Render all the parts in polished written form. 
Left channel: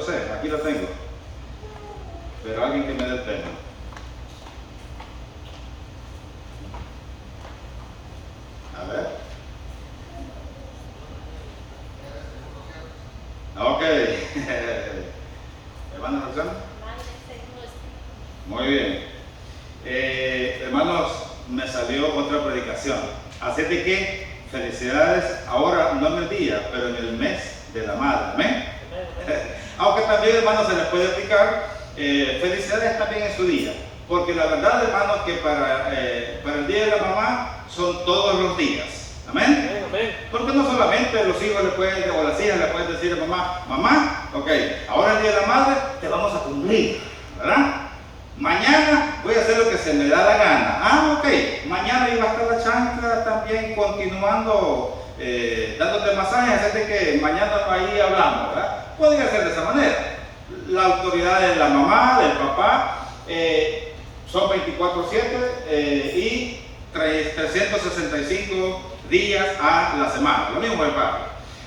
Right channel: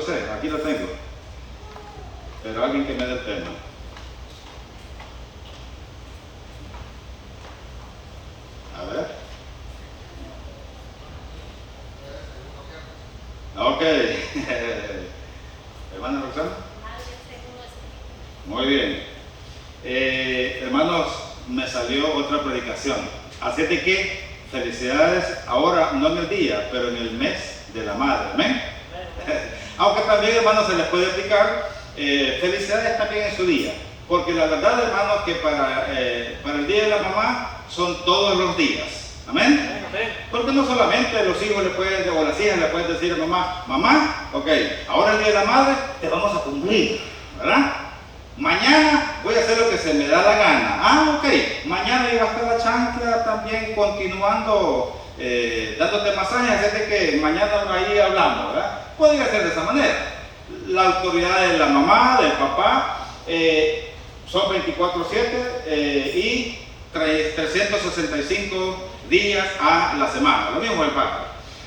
No sé, aquí lo tengo. Pero alguien que me dé el tema. A ver. Ok. Hermana Roxana. Muy bien. Hermanos, me salió otra predicación. Así de que felicidades ahora, no en el día, pero en el mes de la madre. ¿Amén? Aunque también, hermanos, se les puede explicar felicidades también en su día. Porque la verdad, hermanos, que para el día de la mamá son todos los días. ¿Amén? Porque no solamente los hijos le pueden, o las hijas le pueden decir a mamá, mamá, ok, ahora el día de la madre te vamos a cumplir, ¿verdad? Mañana voy a hacer lo que se me da la gana. Ah, ok, mañana iba a estar la chancla también continuando dándote masajes, así que mañana ahí hablamos, ¿verdad? Podría ser de esa manera. La autoridad de la mamá, del papá, son 24/7 y 365 días a la semana, lo mismo el padre.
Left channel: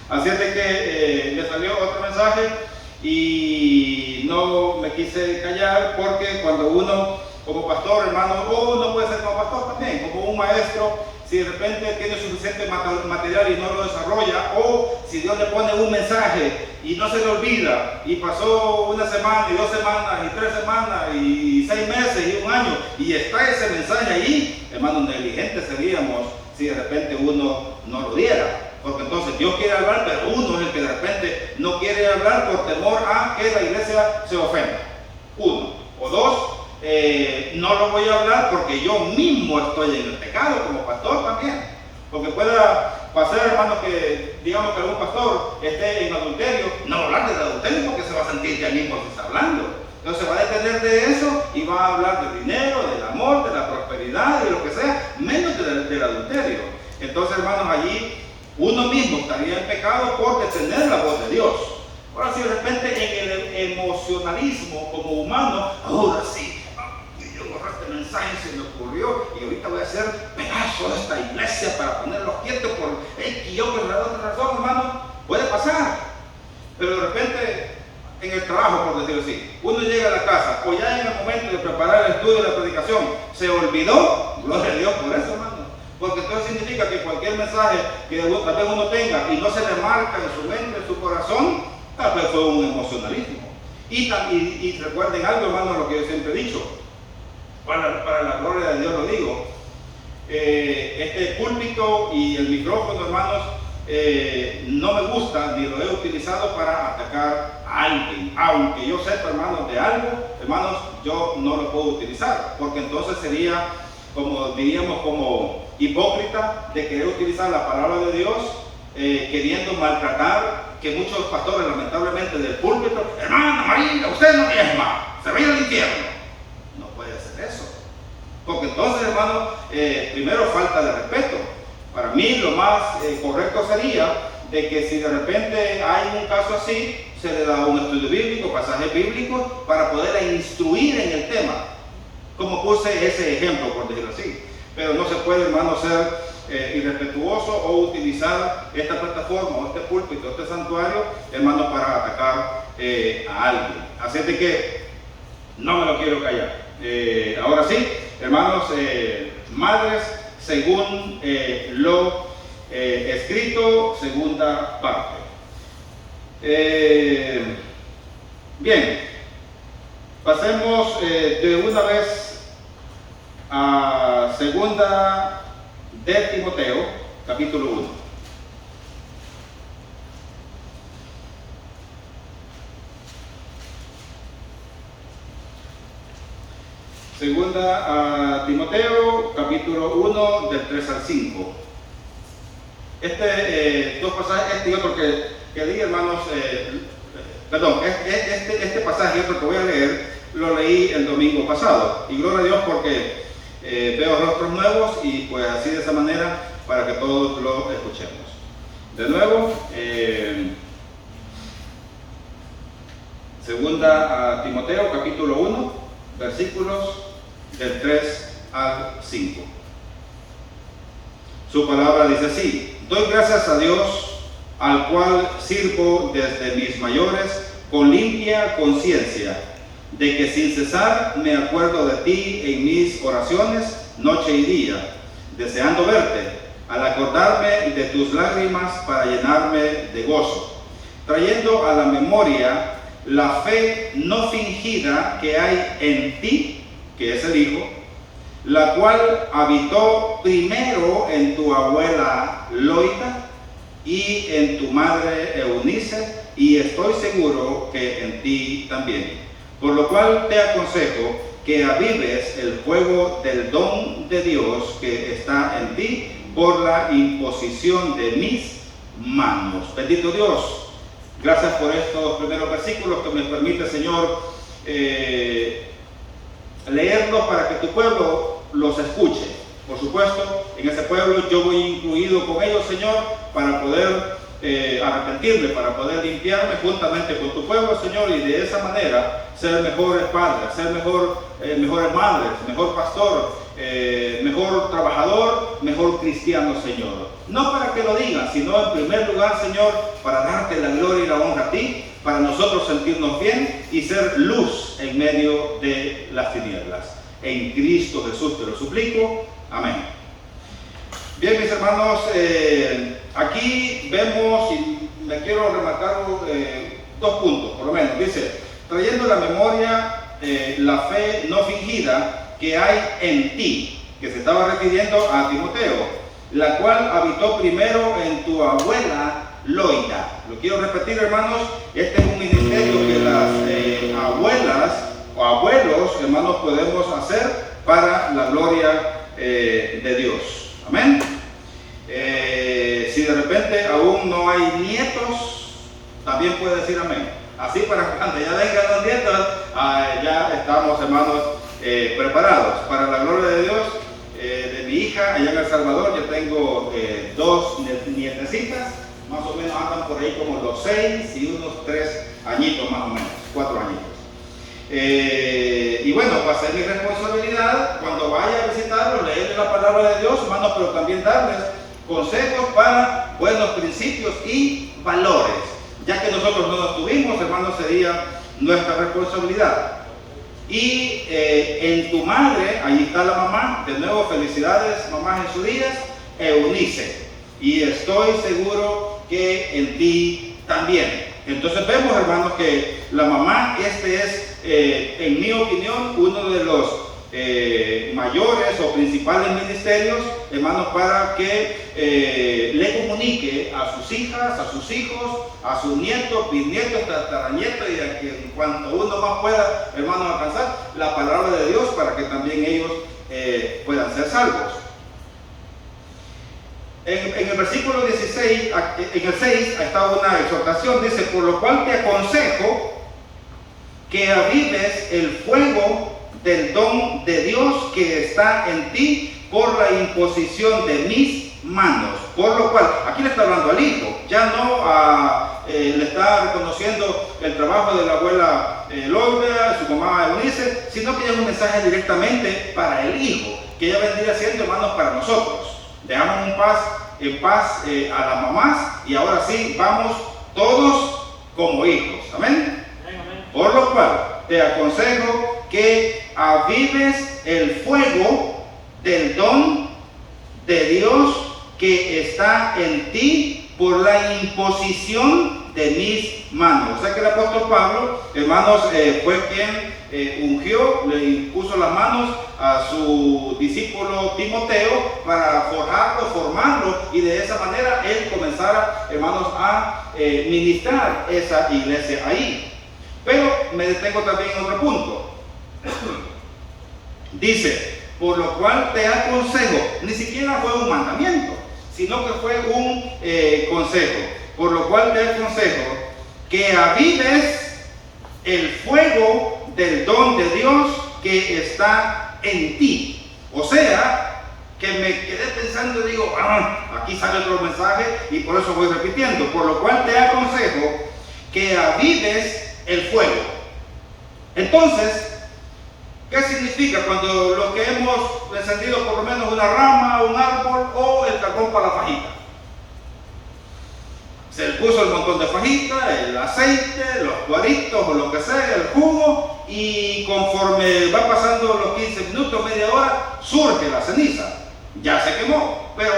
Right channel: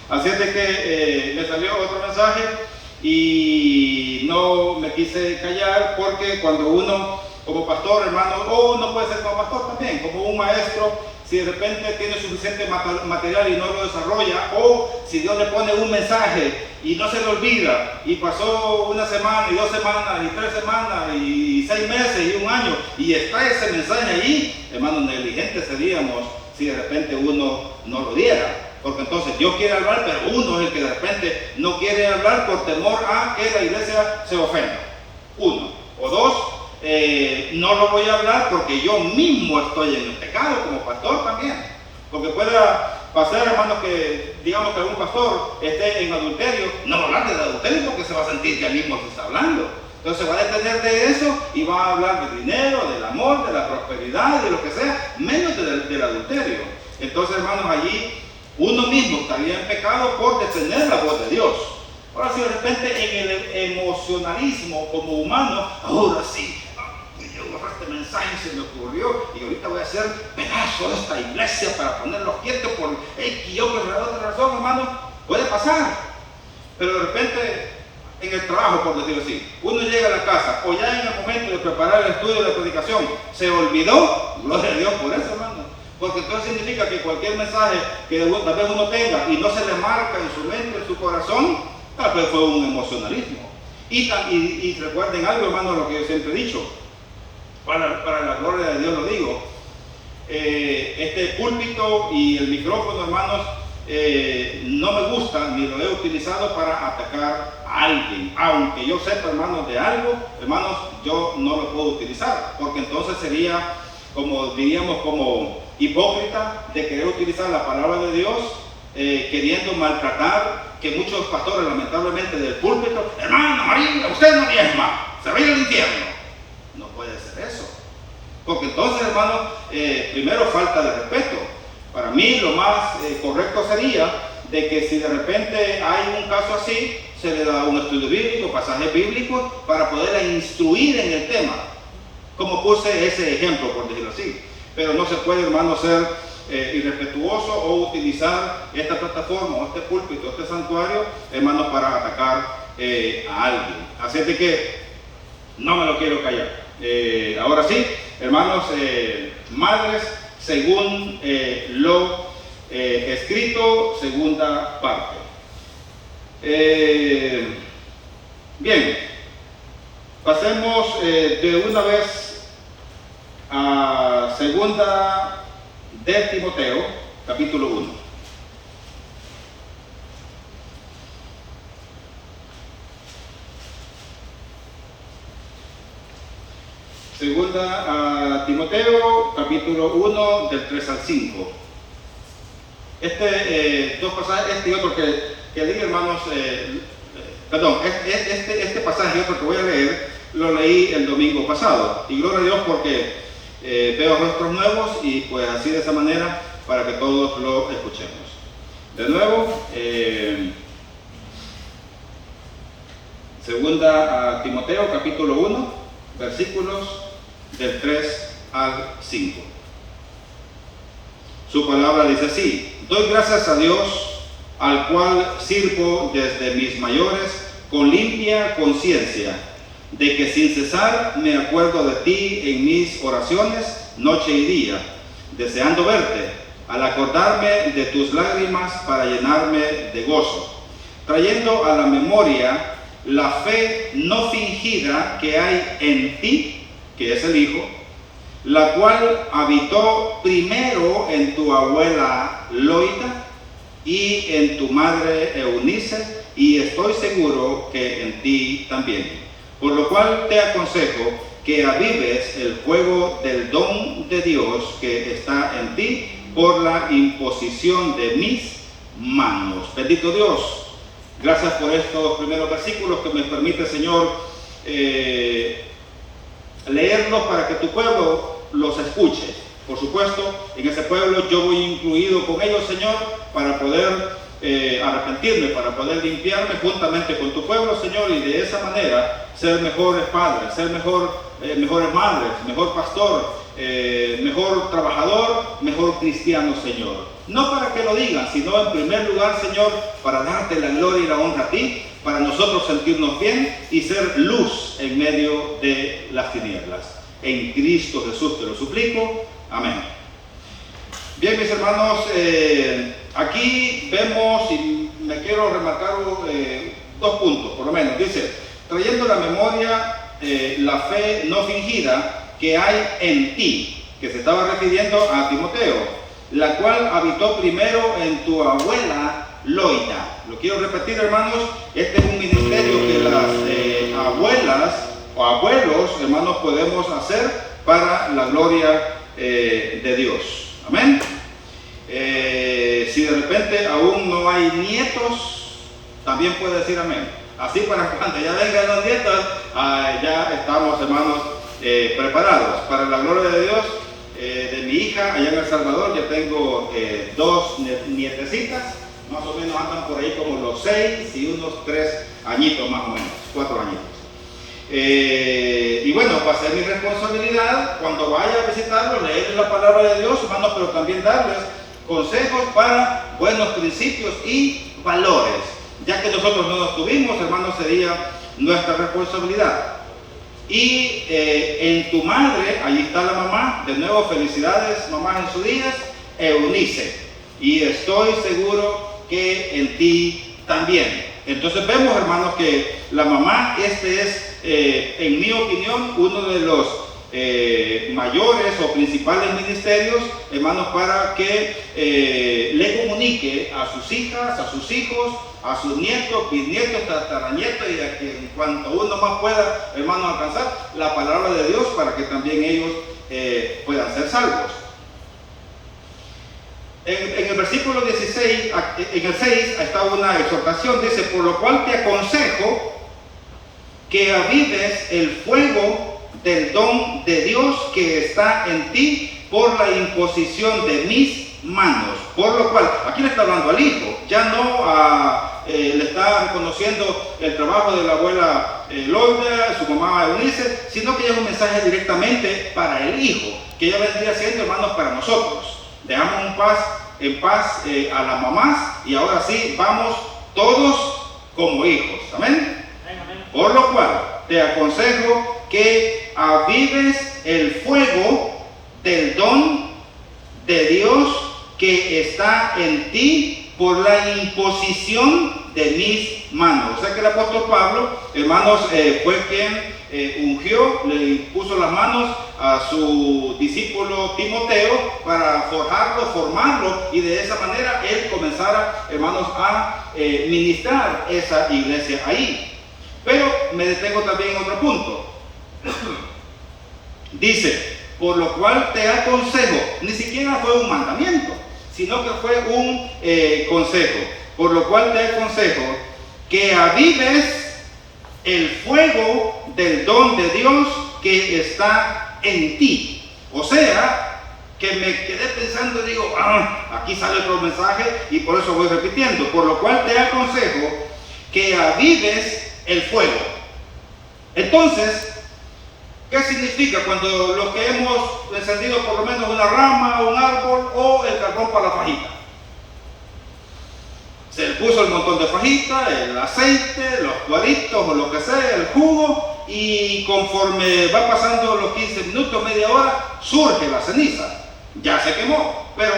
Así es de que le salió otro mensaje y no me quise callar, porque cuando uno como pastor, hermano, o uno puede ser como pastor también, como un maestro, si de repente tiene suficiente material y no lo desarrolla, o si Dios le pone un mensaje y no se le olvida, y pasó una semana y 2 semanas y 3 semanas y 6 meses y 1 año y está ese mensaje ahí, hermano, negligentes seríamos si de repente uno no lo diera. Porque entonces Dios quiere hablar, pero uno es el que de repente no quiere hablar por temor a que la iglesia se ofenda. 1. O 2, no lo voy a hablar porque yo mismo estoy en el pecado como pastor también. Porque pueda pasar, hermanos, que digamos que algún pastor esté en adulterio, no va a hablar del adulterio porque se va a sentir que él mismo se está hablando. Entonces se va a detener de eso y va a hablar del dinero, del amor, de la prosperidad, de lo que sea, menos del adulterio. Entonces, hermanos, allí uno mismo estaría en pecado por detener la voz de Dios. Ahora, si de repente en el emocionalismo como humano, ahora sí, yo borré este mensaje, se me ocurrió y ahorita voy a hacer pedazo de esta iglesia para ponerlos quietos por X y otra razón, hermano, puede pasar. Pero de repente en el trabajo, por decirlo así, uno llega a la casa o ya en el momento de preparar el estudio y la predicación se olvidó, gloria a Dios por eso, hermano. Porque entonces significa que cualquier mensaje que tal vez uno tenga y no se le marca en su mente, en su corazón, tal vez fue un emocionalismo. Y recuerden algo, hermano, lo que yo siempre he dicho, para la gloria de Dios lo digo, este púlpito y el micrófono, hermanos, no me gusta ni lo he utilizado para atacar a alguien. Aunque yo sepa, hermanos, de algo, hermanos, yo no lo puedo utilizar, porque entonces sería, como diríamos, como hipócrita de querer utilizar la palabra de Dios queriendo maltratar, que muchos pastores lamentablemente del púlpito, hermano, ahí usted no diezma, se va a ir al infierno. No puede ser eso, porque entonces, hermano, primero falta de respeto. Para mí lo más correcto sería de que si de repente hay un caso así, se le da un estudio bíblico, pasaje bíblico, para poder instruir en el tema, como puse ese ejemplo, por decirlo así. Pero no se puede, hermano, ser irrespetuoso o utilizar esta plataforma, o este púlpito, este santuario, hermano, para atacar a alguien. Así de que no me lo quiero callar. Ahora sí, hermanos, madres, según lo escrito, segunda parte. Bien, pasemos de una vez a segunda de Timoteo, capítulo 1. Segunda a Timoteo, capítulo 1, del 3 al 5. Dos pasajes, este y otro que leí, hermanos, este pasaje y otro que voy a leer, lo leí el domingo pasado. Y gloria a Dios porque veo rostros nuevos y pues así de esa manera para que todos lo escuchemos. De nuevo, segunda a Timoteo, capítulo 1, versículos del 3 al 5. Su palabra dice así: doy gracias a Dios, al cual sirvo desde mis mayores con limpia conciencia, de que sin cesar me acuerdo de ti en mis oraciones, noche y día, deseando verte, al acordarme de tus lágrimas para llenarme de gozo, trayendo a la memoria la fe no fingida que hay en ti, que es el Hijo, la cual habitó primero en tu abuela Loida y en tu madre Eunice, y estoy seguro que en ti también. Por lo cual te aconsejo que avives el fuego del don de Dios que está en ti por la imposición de mis manos. Bendito Dios, gracias por estos primeros versículos que me permite, Señor, leerlos para que tu pueblo los escuche. Por supuesto, en ese pueblo yo voy incluido con ellos, Señor, para poder arrepentirme, para poder limpiarme juntamente con tu pueblo, Señor, y de esa manera ser mejores padres, ser mejores madres, mejor pastor, mejor trabajador, mejor cristiano, Señor. No para que lo digan, sino en primer lugar, Señor, para darte la gloria y la honra a ti, para nosotros sentirnos bien y ser luz en medio de las tinieblas. En Cristo Jesús te lo suplico. Amén. Bien, mis hermanos, aquí vemos, y me quiero remarcar dos puntos, por lo menos. Dice, trayendo a la memoria la fe no fingida que hay en ti, que se estaba refiriendo a Timoteo, la cual habitó primero en tu abuela Loida. Lo quiero repetir, hermanos, este es un ministerio que las abuelas o abuelos, hermanos, podemos hacer para la gloria de Dios. Amén. Si de repente aún no hay nietos, también puede decir amén. Así para cuando ya vengan los nietos, ya estamos, hermanos, preparados. Para la gloria de Dios, de mi hija allá en El Salvador, yo tengo dos nietecitas, más o menos andan por ahí como los 6 y unos 3 añitos más o menos, 4 añitos. Y bueno, va a ser mi responsabilidad cuando vaya a visitarlos, leerles la palabra de Dios, hermanos, pero también darles consejos para buenos principios y valores. Ya que nosotros no los tuvimos, hermanos, sería nuestra responsabilidad. Y en tu madre, ahí está la mamá, de nuevo felicidades, mamá en sus días, Eunice. Y estoy seguro que en ti también. Entonces vemos, hermanos, que la mamá, este es, en mi opinión, uno de los mayores o principales ministerios, hermanos, para que le comunique a sus hijas, a sus hijos, a sus nietos, bisnietos, tataranietos, y a quien cuanto uno más pueda, hermanos, alcanzar la palabra de Dios para que también ellos puedan ser salvos. En el versículo 16, en el 6, está una exhortación, dice, por lo cual te aconsejo que avives el fuego del don de Dios que está en ti por la imposición de mis manos. Por lo cual, aquí le está hablando al hijo, ya no le está reconociendo el trabajo de la abuela Loida, su mamá Eunice, sino que es un mensaje directamente para el hijo, que ya vendría siendo, hermanos, para nosotros. Dejamos en paz a las mamás y ahora sí vamos todos como hijos. Amén. Por lo cual te aconsejo que avives el fuego del don de Dios que está en ti por la imposición de mis manos. O sea que el apóstol Pablo, hermanos, fue quien ungió, le impuso las manos a su discípulo Timoteo para forjarlo, formarlo, y de esa manera él comenzara, hermanos, a ministrar esa iglesia ahí. Pero me detengo también en otro punto. Dice, por lo cual te aconsejo, ni siquiera fue un mandamiento, sino que fue un consejo. Por lo cual te aconsejo que avives el fuego del don de Dios que está en ti. O sea, que me quedé pensando y digo, aquí sale otro mensaje y por eso voy repitiendo. Por lo cual te aconsejo que avives el fuego. Entonces, ¿qué significa cuando lo que hemos encendido por lo menos una rama, un árbol o el carbón para la fajita? Se le puso el montón de fajitas, el aceite, los cuaritos o lo que sea, el jugo, y conforme va pasando los 15 minutos, media hora, surge la ceniza. Ya se quemó, pero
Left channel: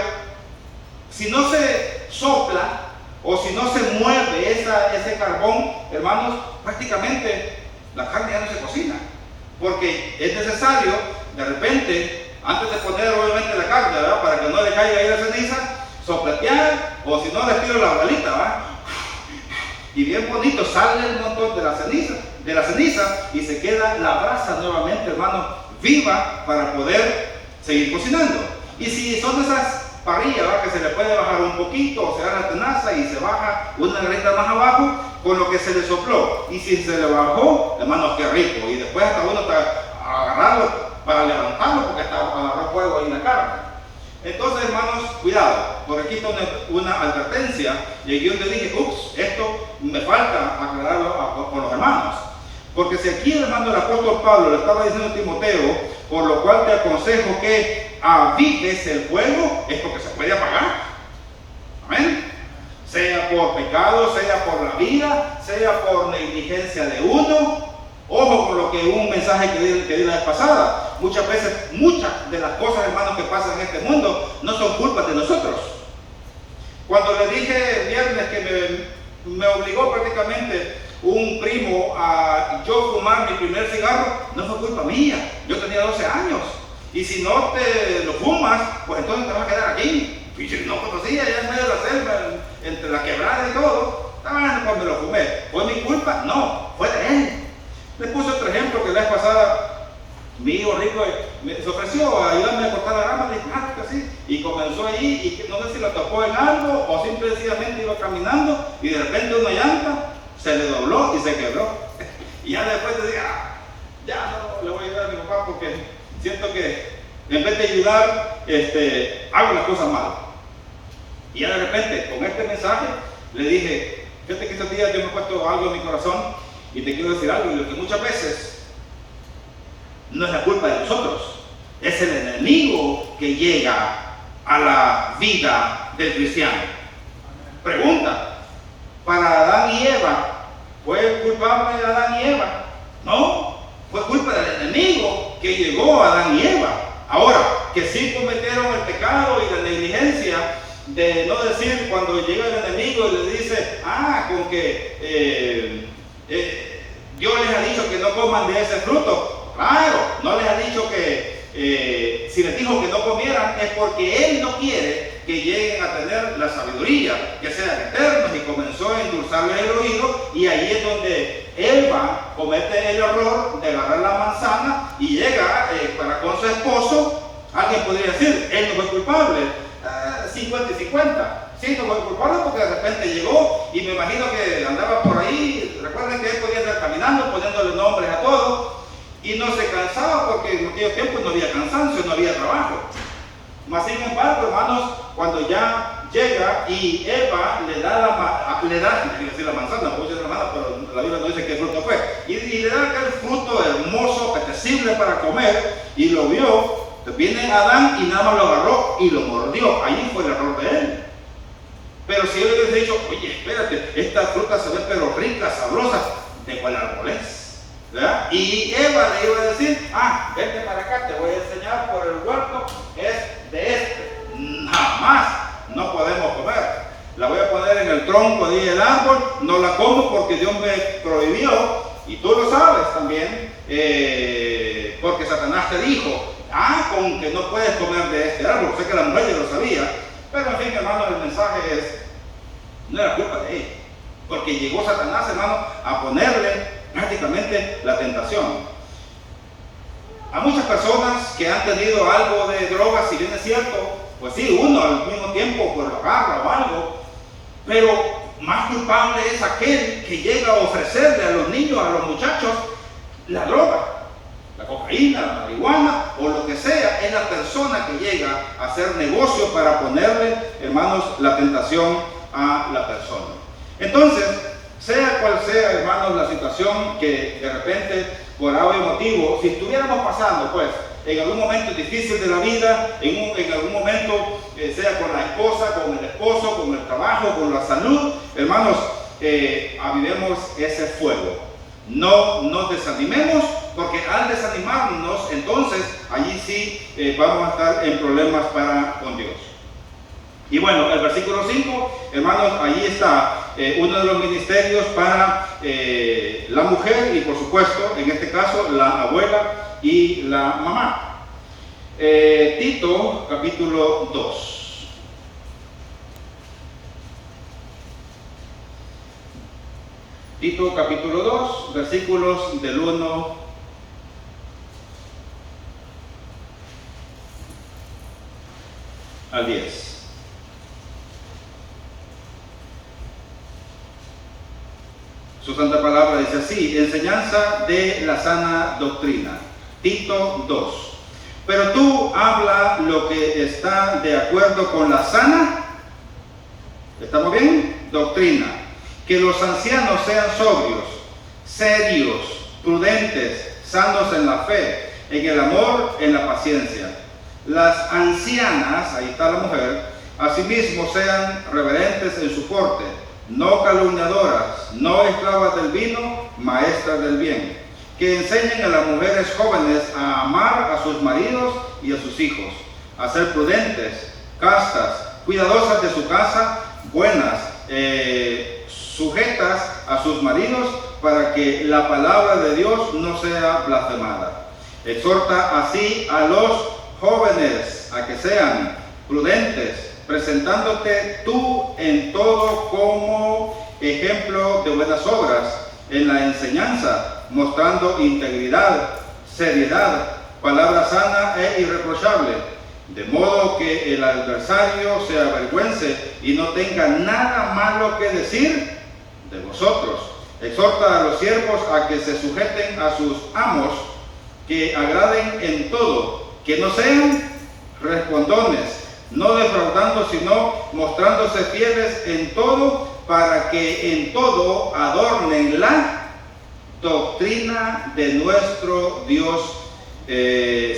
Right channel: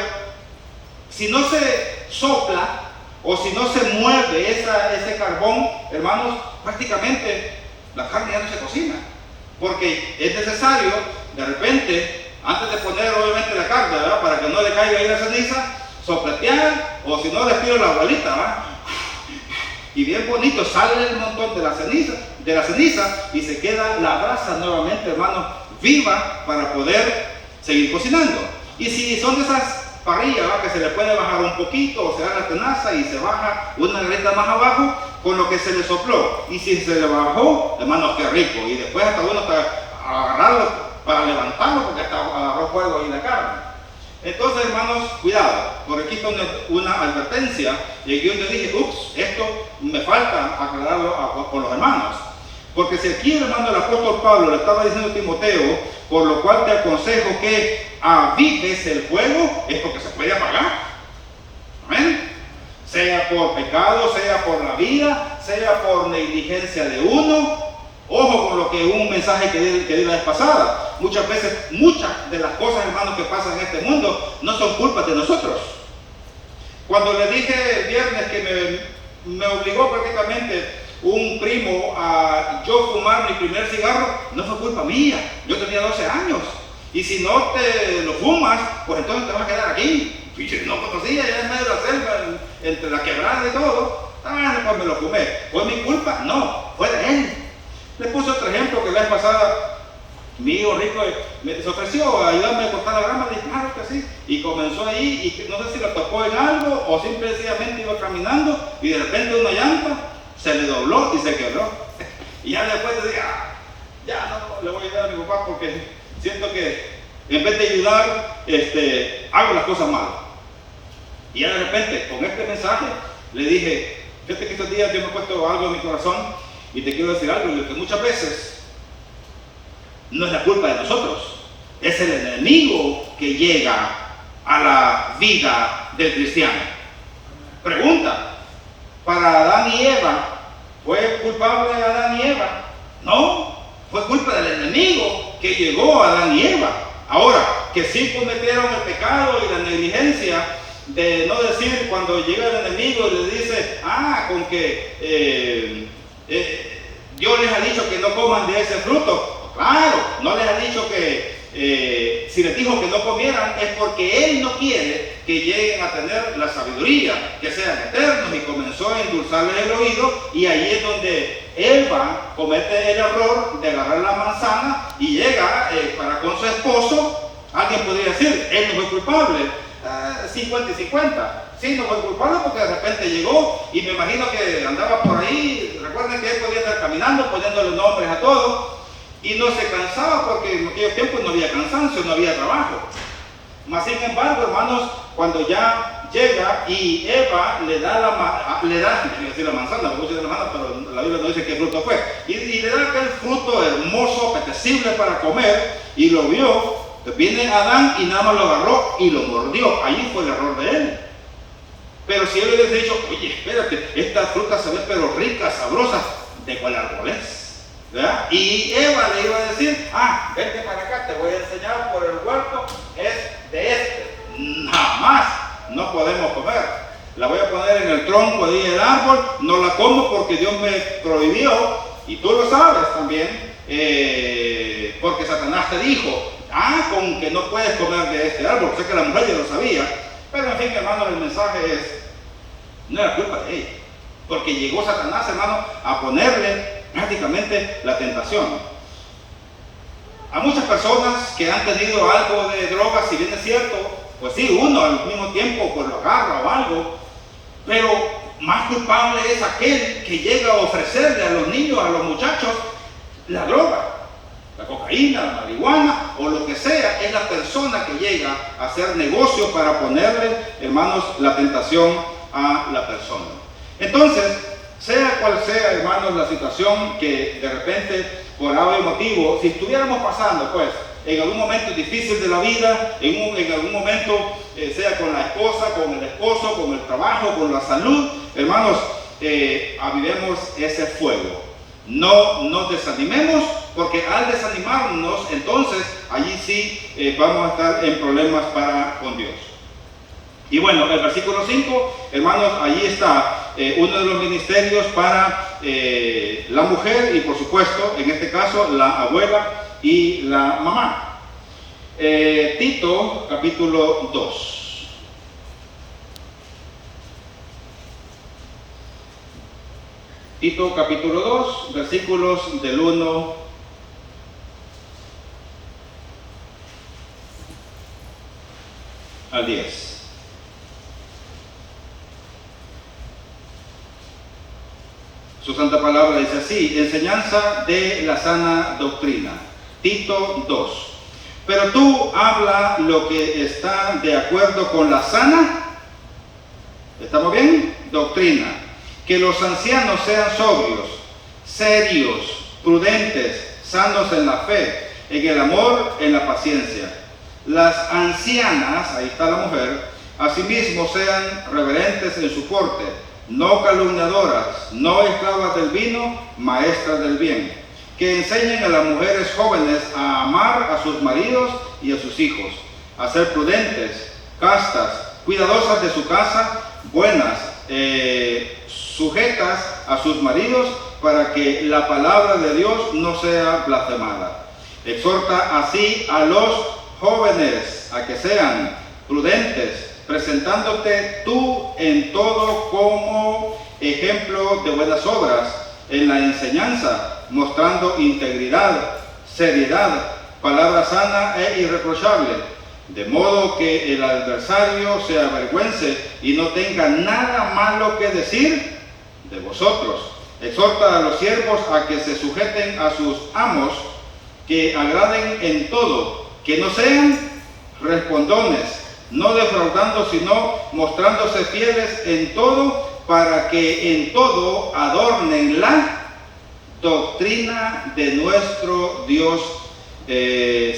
si no se sopla o si no se muerde ese carbón, hermanos, prácticamente la carne ya no se cocina. Porque es necesario, de repente, antes de poner obviamente la carne, ¿verdad?, para que no le caiga ahí la ceniza, sopletear, o si no, les tiro la bolita, ¿verdad?, y bien bonito sale el montón de la ceniza y se queda la brasa nuevamente, hermano, viva para poder seguir cocinando. Y si son de esas parrillas, ¿verdad?, que se le puede bajar un poquito, o se da la tenaza y se baja una garita más abajo con lo que se le sopló, y si se le bajó, hermano, qué rico, y después hasta uno está agarrado para levantarlo porque agarró fuego ahí en la carne. Entonces, hermanos, cuidado, porque aquí está una advertencia, y yo le dije, ups, esto me falta aclararlo con los hermanos. Porque si aquí, hermano, el apóstol Pablo le estaba diciendo a Timoteo, por lo cual te aconsejo que avives el fuego, es porque se puede apagar. Amén. Sea por pecado, sea por la vida, sea por negligencia de uno. Ojo con lo que un mensaje que di la vez pasada. Muchas veces, muchas de las cosas, hermanos, que pasan en este mundo no son culpas de nosotros. Cuando le dije el viernes que me obligó prácticamente un primo a yo fumar mi primer cigarro, no fue culpa mía. Yo tenía 12 años. Y si no te lo fumas, pues entonces te vas a quedar aquí. Y si no conocía, ya en medio de la selva, entre la quebrada y todo, pues me lo fumé. ¿Fue mi culpa? No, fue de él. Le puse otro ejemplo que la vez pasada, mi hijo rico se ofreció a ayudarme a cortar la rama, le dije, claro que sí, y comenzó ahí, y no sé si lo tocó en algo, o simplemente iba caminando, y de repente una llanta se le dobló y se quebró. Y ya después le dije, ya no le voy a ayudar a mi papá porque siento que en vez de ayudar, hago las cosas mal. Y ya de repente, con este mensaje, le dije, fíjate que estos días yo me he puesto algo en mi corazón, y te quiero decir algo, que muchas veces no es la culpa de nosotros, es el enemigo que llega a la vida del cristiano. Pregunta, ¿para Adán y Eva fue culpable de Adán y Eva? No, fue culpa del enemigo que llegó a Adán y Eva. Ahora, que sí cometieron el pecado y la negligencia de no decir cuando llega el enemigo y le dice, con que Dios les ha dicho que no coman de ese fruto. Claro, no les ha dicho que si les dijo que no comieran es porque Él no quiere que lleguen a tener la sabiduría, que sean eternos, y comenzó a endulzarles el oído, y ahí es donde Eva comete el error de agarrar la manzana y llega para con su esposo. Alguien podría decir, él no fue culpable, 50 y 50. Sí, no fue culpable porque de repente llegó y me imagino que andaba por ahí. Recuerden que él podía estar caminando poniéndole nombres a todos y no se cansaba porque en aquellos tiempos no había cansancio, no había trabajo. Mas sin embargo, hermanos, cuando ya llega y Eva le da la manzana, pero la Biblia no dice qué fruto fue, y le da aquel fruto hermoso, apetecible para comer, y lo vio. Viene Adán y nada más lo agarró y lo mordió. Ahí fue el error de él. Pero si él hubiera dicho, oye, espérate, esta fruta se ve pero rica, sabrosa, ¿de cuál árbol es? ¿Verdad? Y Eva le iba a decir, vente para acá, te voy a enseñar por el huerto, es de este. Jamás no podemos comer. La voy a poner en el tronco de el árbol, no la como porque Dios me prohibió, y tú lo sabes también, porque Satanás te dijo, con que no puedes comer de este árbol. Sé que la mujer ya lo sabía, pero en fin, hermano, el mensaje es, no era culpa de ella, porque llegó Satanás, hermano, a ponerle prácticamente la tentación. A muchas personas que han tenido algo de droga, si bien es cierto, pues sí, uno al mismo tiempo pues lo agarra o algo, pero más culpable es aquel que llega a ofrecerle a los niños, a los muchachos, la droga. La cocaína, la marihuana o lo que sea, es la persona que llega a hacer negocio para ponerle, hermanos, la tentación a la persona. Entonces, Sea cual sea, hermanos, la situación que de repente, por algún motivo, si estuviéramos pasando, pues, en algún momento difícil de la vida, en algún momento, sea con la esposa, con el esposo, con el trabajo, con la salud, hermanos, avivemos ese fuego. No nos desanimemos, porque al desanimarnos, entonces, allí sí vamos a estar en problemas con Dios. Y bueno, el versículo 5, hermanos, allí está uno de los ministerios para la mujer y por supuesto, en este caso, la abuela y la mamá. Tito, capítulo 2. Tito, capítulo 2, versículos del 1 al 10. Su santa palabra dice así: enseñanza de la sana doctrina. Tito 2. Pero tú habla lo que está de acuerdo con la sana, ¿estamos bien? Doctrina. Que los ancianos sean sobrios, serios, prudentes, sanos en la fe, en el amor, en la paciencia. Las ancianas, ahí está la mujer, asimismo sean reverentes en su porte, no calumniadoras, no esclavas del vino, maestras del bien, que enseñen a las mujeres jóvenes a amar a sus maridos y a sus hijos, a ser prudentes, castas, cuidadosas de su casa, buenas, sujetas a sus maridos, para que la palabra de Dios no sea blasfemada. Exhorta así a los jóvenes a que sean prudentes, presentándote tú en todo como ejemplo de buenas obras, en la enseñanza, mostrando integridad, seriedad, palabra sana e irreprochable, de modo que el adversario se avergüence y no tenga nada malo que decir de vosotros. Exhorta a los siervos a que se sujeten a sus amos, que agraden en todo, que no sean respondones, no defraudando, sino mostrándose fieles en todo, para que en todo adornen la doctrina de nuestro Dios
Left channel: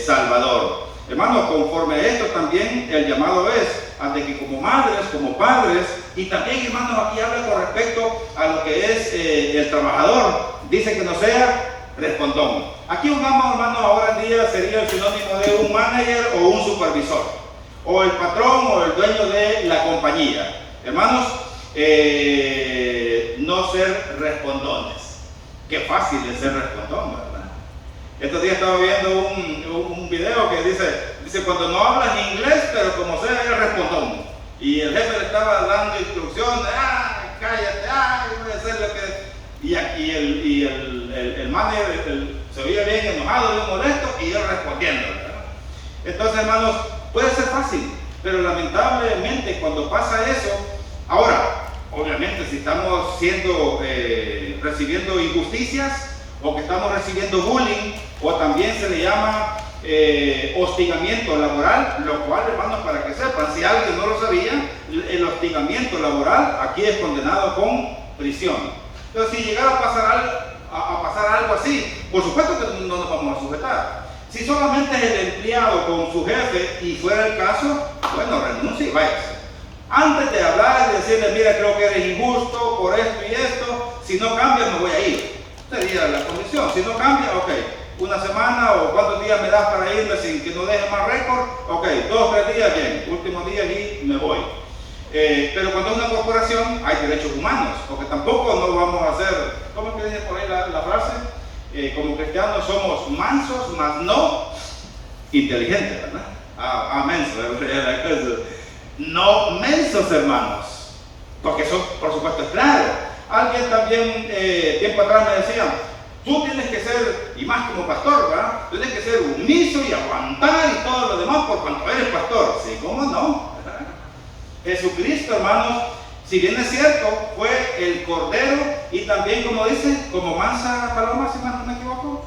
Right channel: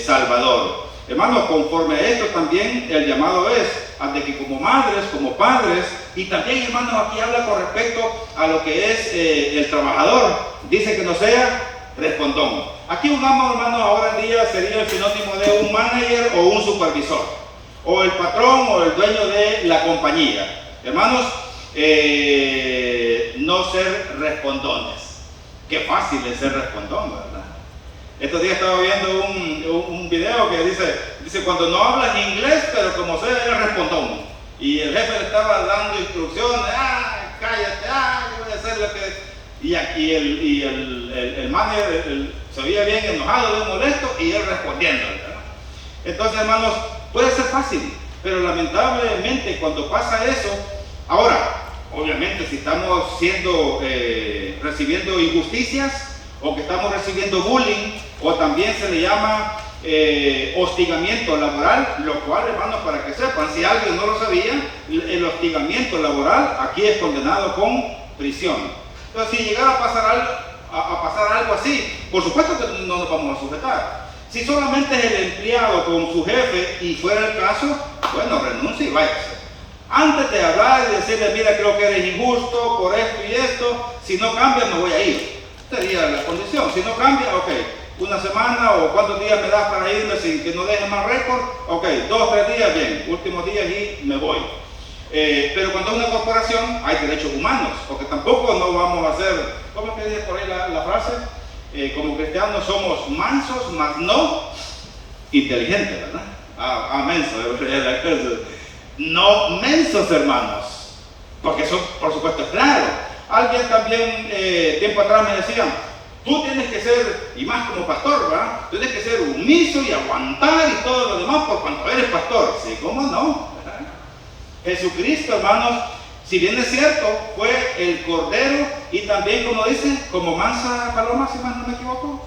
Salvador. Hermanos, conforme a esto también el llamado es a de que como madres, como padres, y también, hermanos, aquí habla con respecto a lo que es el trabajador, dice que no sea respondón. Aquí un amo, hermano, ahora en día sería el sinónimo de un manager o un supervisor, o el patrón o el dueño de la compañía. Hermanos, no ser respondones. Qué fácil es ser respondón, ¿verdad? Estos días estaba viendo un video que dice cuando no hablas inglés, pero como sea, eres respondón. Y el jefe le estaba dando instrucciones: cállate, yo voy a hacer lo que... Y el manager se veía bien enojado, bien molesto, y él respondiendo, ¿verdad? Entonces, hermanos, puede ser fácil, pero lamentablemente cuando pasa eso, ahora, obviamente si estamos recibiendo injusticias, o que estamos recibiendo bullying, o también se le llama hostigamiento laboral, lo cual, hermanos, para que sepan, si alguien no lo sabía, el hostigamiento laboral aquí es condenado con prisión. Entonces, si llegara a pasar algo así, por supuesto que no nos vamos a sujetar. Si solamente es el empleado con su jefe y fuera el caso, bueno, renuncie y váyase. Antes de hablar y decirle: mira, creo que eres injusto por esto y esto, si no cambia me voy a ir. Sería la condición. Si no cambia, ok, una semana o cuántos días me das para irme sin que no deje más récord, ok, 2 o 3 días, bien, últimos días y me voy. Pero cuando es una corporación hay derechos humanos, porque tampoco no vamos a hacer, ¿cómo que dice por ahí la frase? Como cristianos somos mansos, mas no inteligentes, ¿verdad? Mensos, no mensos, hermanos, porque eso por supuesto es claro. Alguien también tiempo atrás me decía: tú tienes que ser, y más como pastor, ¿verdad? Tienes que ser sumiso y aguantar y todo lo demás por cuanto eres pastor. Sí, ¿cómo no? ¿Verdad? Jesucristo, hermanos, si bien es cierto, fue el Cordero, y también, como dice, como mansa paloma, si más no me equivoco,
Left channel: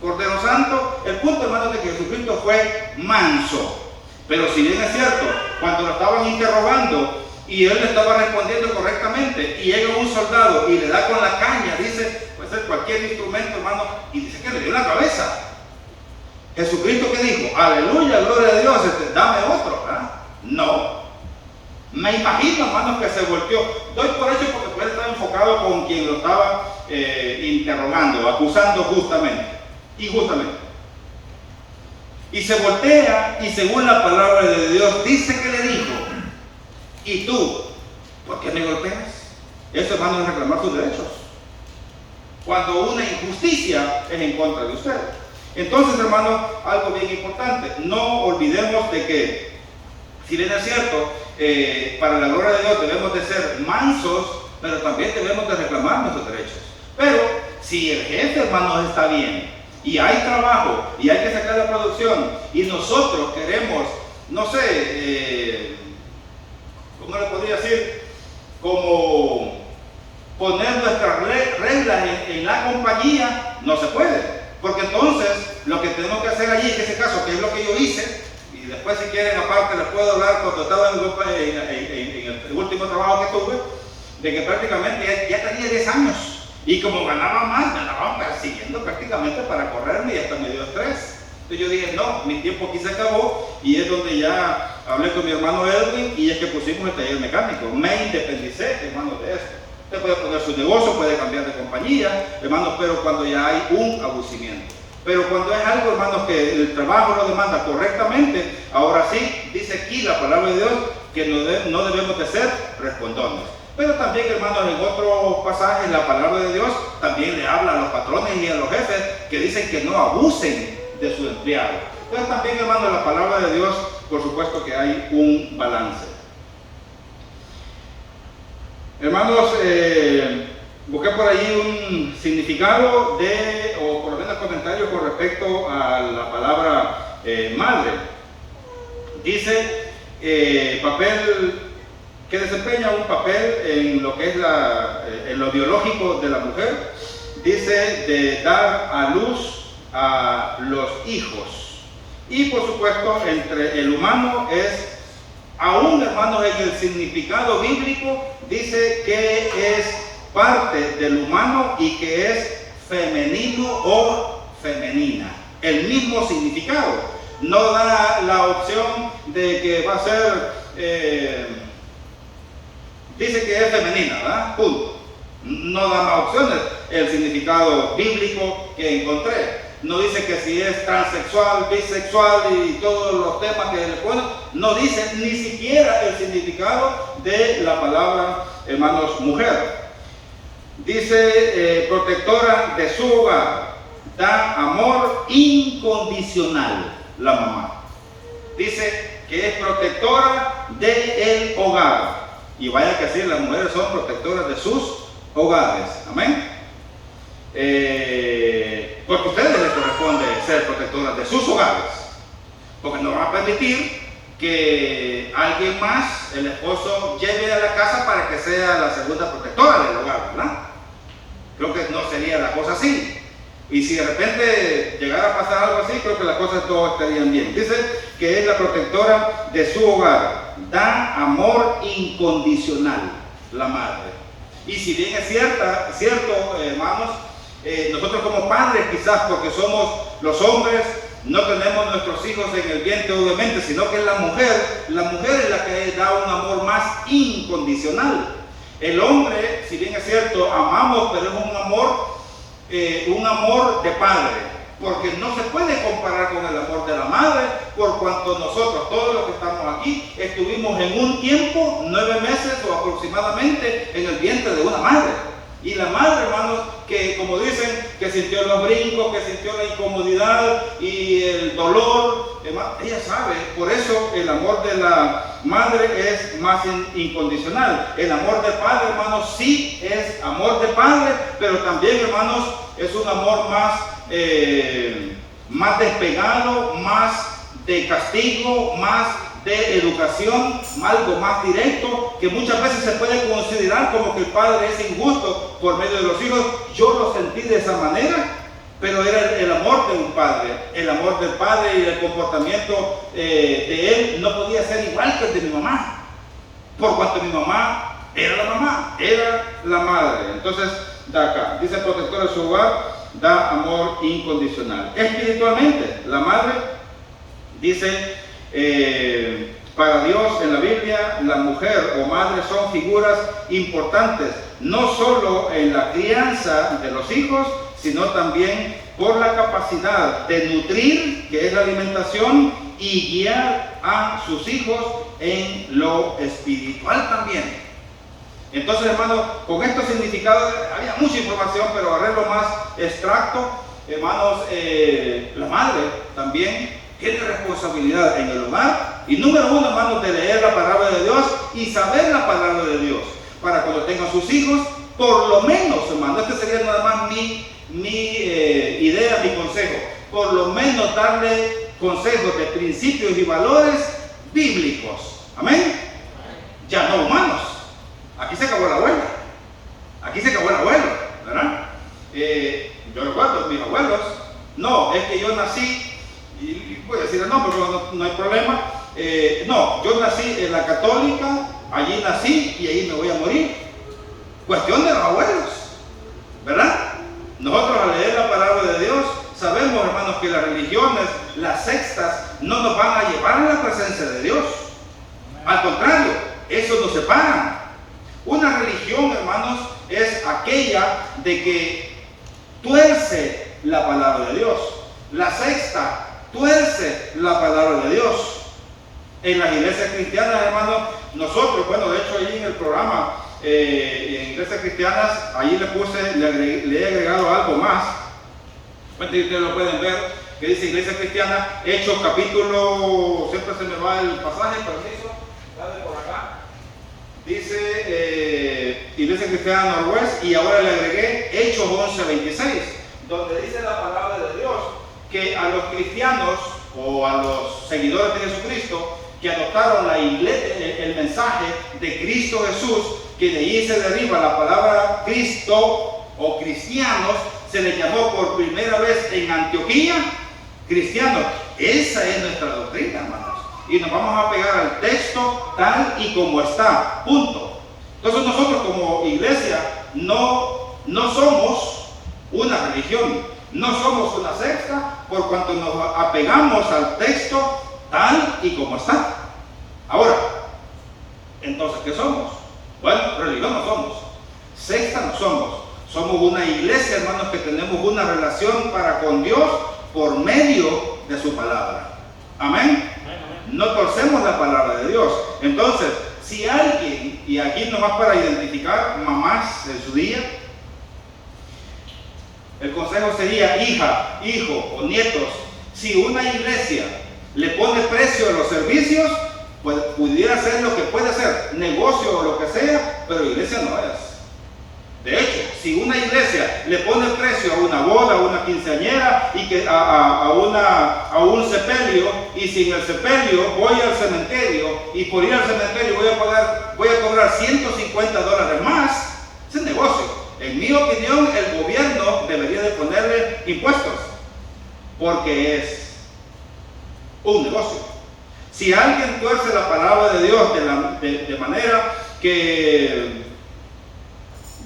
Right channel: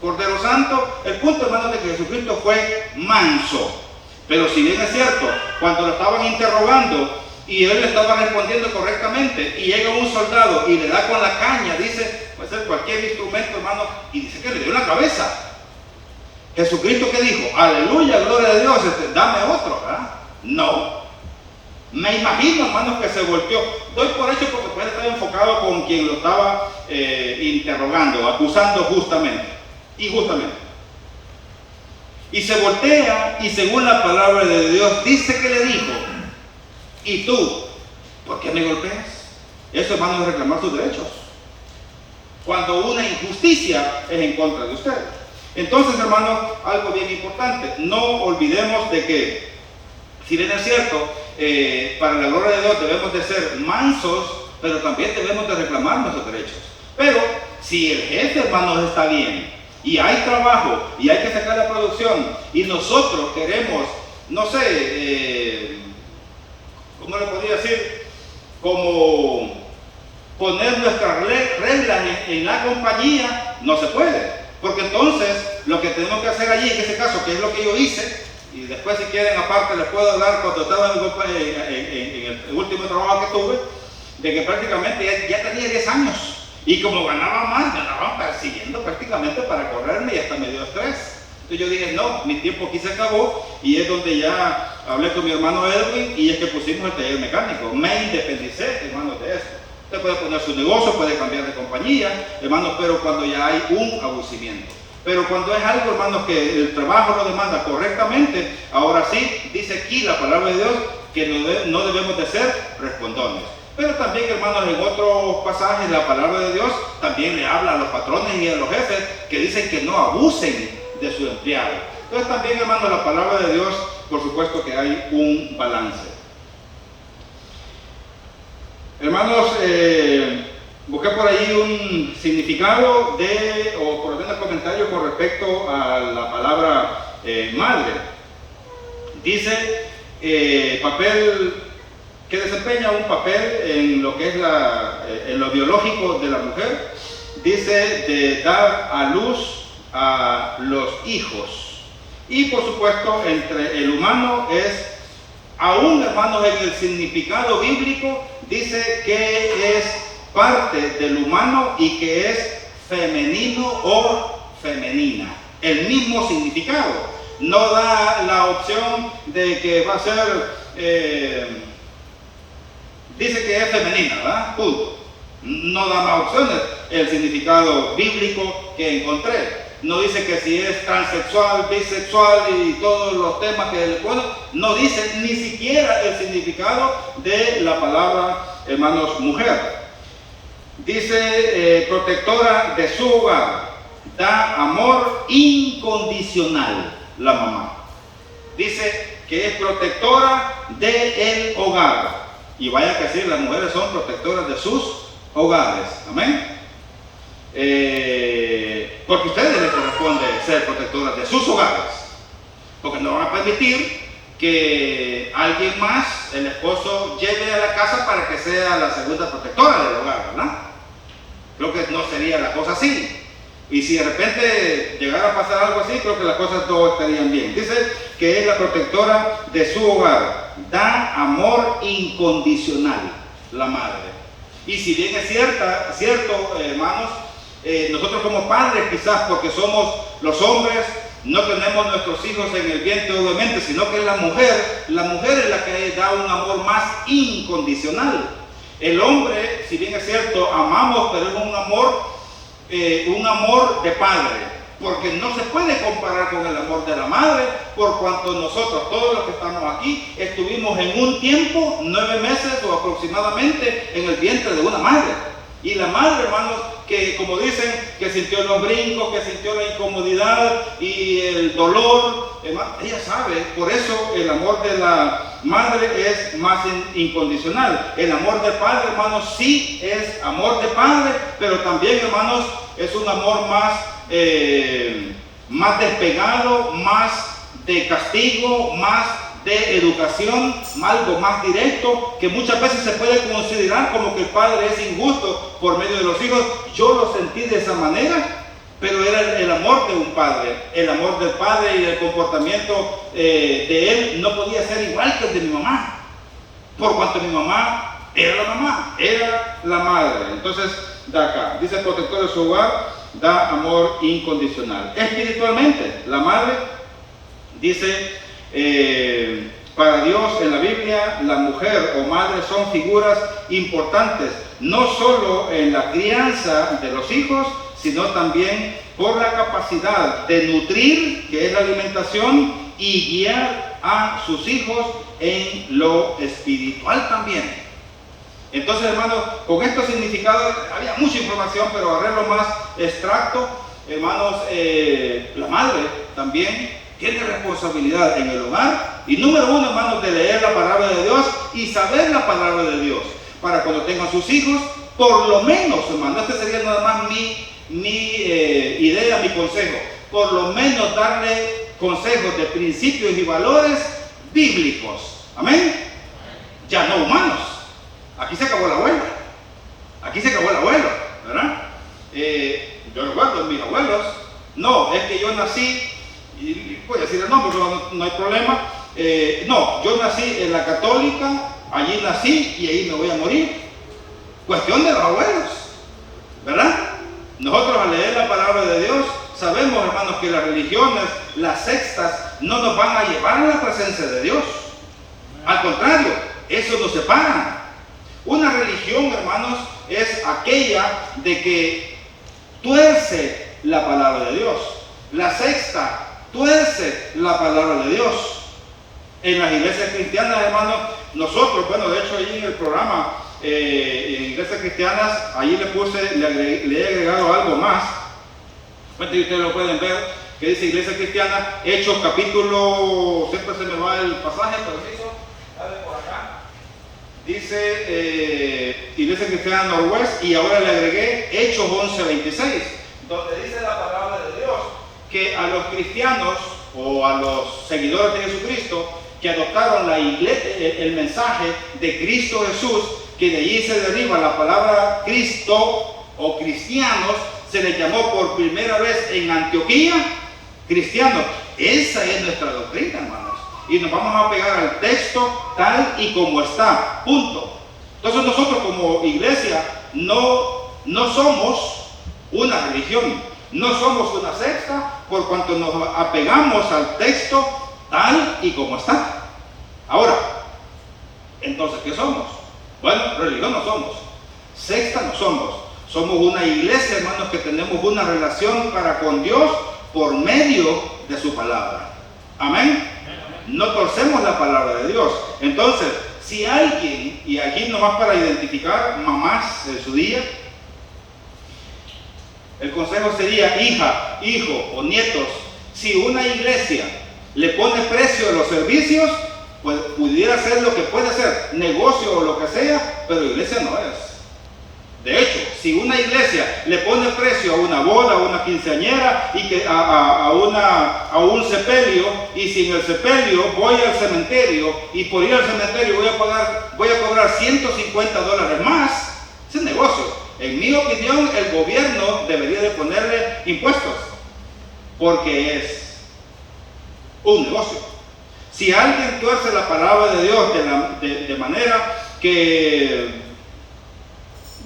Cordero Santo. El punto, hermanos, de que Jesucristo fue manso. Pero si bien es cierto, cuando lo estaban interrogando y él le estaba respondiendo correctamente, y llega un soldado y le da con la caña, dice, puede ser cualquier instrumento, hermano, y dice que le dio en la cabeza. Jesucristo, ¿qué dijo? Aleluya, gloria a Dios, dame otro, ¿verdad? No. Me imagino, hermanos, que se volteó. Doy por hecho porque puede estar enfocado con quien lo estaba interrogando, acusando justamente, injustamente. Y se voltea, y según la palabra de Dios, dice que le dijo, ¿y tú, por qué me golpeas? Eso, hermano, es reclamar sus derechos. Cuando una injusticia es en contra de usted. Entonces, hermano, algo bien importante, no olvidemos de que, si bien es cierto, para la gloria de Dios debemos de ser mansos, pero también debemos de reclamar nuestros derechos. Pero, si el jefe, hermano, está bien, y hay trabajo, y hay que sacar la producción, y nosotros queremos, no sé, ¿cómo le podría decir? Como poner nuestras reglas en la compañía, no se puede. Porque entonces, lo que tenemos que hacer allí, en este caso, que es lo que yo hice, y después si quieren aparte les puedo hablar cuando estaba en el último trabajo que tuve, de que prácticamente ya tenía 10 años, y como ganaba más, me andaban persiguiendo prácticamente para correrme y hasta me dio estrés. Entonces yo dije, no, mi tiempo aquí se acabó, y es donde ya hablé con mi hermano Edwin, y es que pusimos el taller mecánico. Me independicé, hermano, de esto. Usted puede poner su negocio, puede cambiar de compañía, hermanos, pero cuando ya hay un abucimiento. Pero cuando es algo, hermanos, que el trabajo lo demanda correctamente, ahora sí, dice aquí la palabra de Dios, que no debemos de ser respondones. Pero también, hermanos, en otros pasajes la palabra de Dios también le habla a los patrones y a los jefes que dicen que no abusen de su empleado. Entonces también, hermanos, la palabra de Dios, por supuesto que hay un balance. Hermanos, busqué por ahí un significado o por lo menos comentarios con respecto a la palabra madre. Dice papel que desempeña un papel en lo que es en lo biológico de la mujer. Dice de dar a luz a los hijos. Y por supuesto, entre el humano es, aún, hermanos, en el significado bíblico, dice que es parte del humano y que es femenino o femenina. El mismo significado. No da la opción de que va a ser, dice que es femenina, ¿verdad? Punto. No da más opciones. El significado bíblico que encontré. No dice que si es transexual, bisexual y todos los temas que le ponen. No dice ni siquiera el significado de la palabra, hermanos, mujer. Dice protectora de su hogar. Da amor incondicional la mamá. Dice que es protectora del hogar. Y vaya que sí, las mujeres son protectoras de sus hogares. Amén. Porque a ustedes les corresponde ser protectoras de sus hogares, porque no van a permitir que alguien más, el esposo, lleve a la casa para que sea la segunda protectora del hogar, ¿verdad? Creo que no sería la cosa así. Y si de repente llegara a pasar algo así, creo que las cosas todas estarían bien. Dice que es la protectora de su hogar, da amor incondicional, la madre. Y si bien es cierto, hermanos, nosotros como padres, quizás porque somos los hombres, no tenemos nuestros hijos en el vientre, obviamente, sino que la mujer es la que da un amor más incondicional. El hombre, si bien es cierto, amamos, pero es un amor de padre, porque no se puede comparar con el amor de la madre, por cuanto nosotros, todos los que estamos aquí, estuvimos en un tiempo, 9 meses o aproximadamente, en el vientre de una madre. Y la madre, hermanos, que como dicen, que sintió los brincos, que sintió la incomodidad y el dolor, ella sabe. Por eso el amor de la madre es más incondicional. El amor de padre, hermanos, sí es amor de padre, pero también, hermanos, es un amor más despegado, más de castigo, más de educación, algo más directo, que muchas veces se puede considerar como que el padre es injusto por medio de los hijos. Yo lo sentí de esa manera, pero era el amor de un padre, el amor del padre, y el comportamiento de él no podía ser igual que el de mi mamá. por cuanto mi mamá era la madre. Entonces, da acá, dice el protector de su hogar, da amor incondicional. Espiritualmente, la madre, dice, para Dios en la Biblia, la mujer o madre son figuras importantes, no solo en la crianza de los hijos, sino también por la capacidad de nutrir, que es la alimentación, y guiar a sus hijos en lo espiritual también. Entonces, hermanos, con estos significados, había mucha información, pero agarré lo más extracto. Hermanos, la madre también tiene responsabilidad en el hogar. Y número uno, hermanos, de leer la palabra de Dios y saber la palabra de Dios. Para cuando tengan sus hijos, por lo menos, hermanos, este sería nada más mi idea, mi consejo. Por lo menos darle consejos de principios y valores bíblicos. Amén. Ya no humanos. Aquí se acabó la abuela. ¿Verdad? Yo recuerdo mis abuelos. No, es que yo nací, y puedo decir el nombre, pero no hay problema. No, yo nací en la católica, allí nací y ahí me voy a morir. Cuestión de los abuelos, ¿verdad? Nosotros al leer la palabra de Dios sabemos, hermanos, que las religiones, las sectas, no nos van a llevar a la presencia de Dios. Al contrario, eso nos separa. Una religión, hermanos, es aquella de que tuerce la palabra de Dios. La secta tuerce la palabra de Dios. En las iglesias cristianas, hermanos, nosotros, bueno, de hecho, ahí en el programa, en iglesias cristianas, ahí le he agregado algo más. Ustedes lo pueden ver, que dice Iglesia Cristiana, Hechos capítulo, siempre se me va el pasaje, permiso, dale por acá. Dice Iglesia Cristiana Norwest, y ahora le agregué Hechos 11:26, donde dice la palabra de Dios que a los cristianos o a los seguidores de Jesucristo que adoptaron el mensaje de Cristo Jesús, que de allí se deriva la palabra Cristo o cristianos, se les llamó por primera vez en Antioquía cristianos. Esa es nuestra doctrina, hermanos. Y nos vamos a pegar al texto tal y como está. Punto. Entonces nosotros como iglesia no somos una religión, no somos una secta, por cuanto nos apegamos al texto tal y como está. Ahora, entonces, ¿qué somos? Bueno, religión no somos, secta no somos. Somos una iglesia, hermanos, que tenemos una relación para con Dios por medio de su palabra. Amén. No torcemos la palabra de Dios. Entonces, si alguien, y aquí nomás para identificar mamás en su día, el consejo sería, hija, hijo o nietos, si una iglesia le pone precio a los servicios, pues pudiera ser lo que puede ser, negocio o lo que sea, pero iglesia no es. De hecho, si una iglesia le pone precio a una boda, a una quinceañera y que a un sepelio, y si en el sepelio voy al cementerio y por ir al cementerio voy a cobrar $150 más, ese es negocio. En mi opinión, el gobierno debería de ponerle impuestos, porque es un negocio. Si alguien tuerce la palabra de Dios de manera que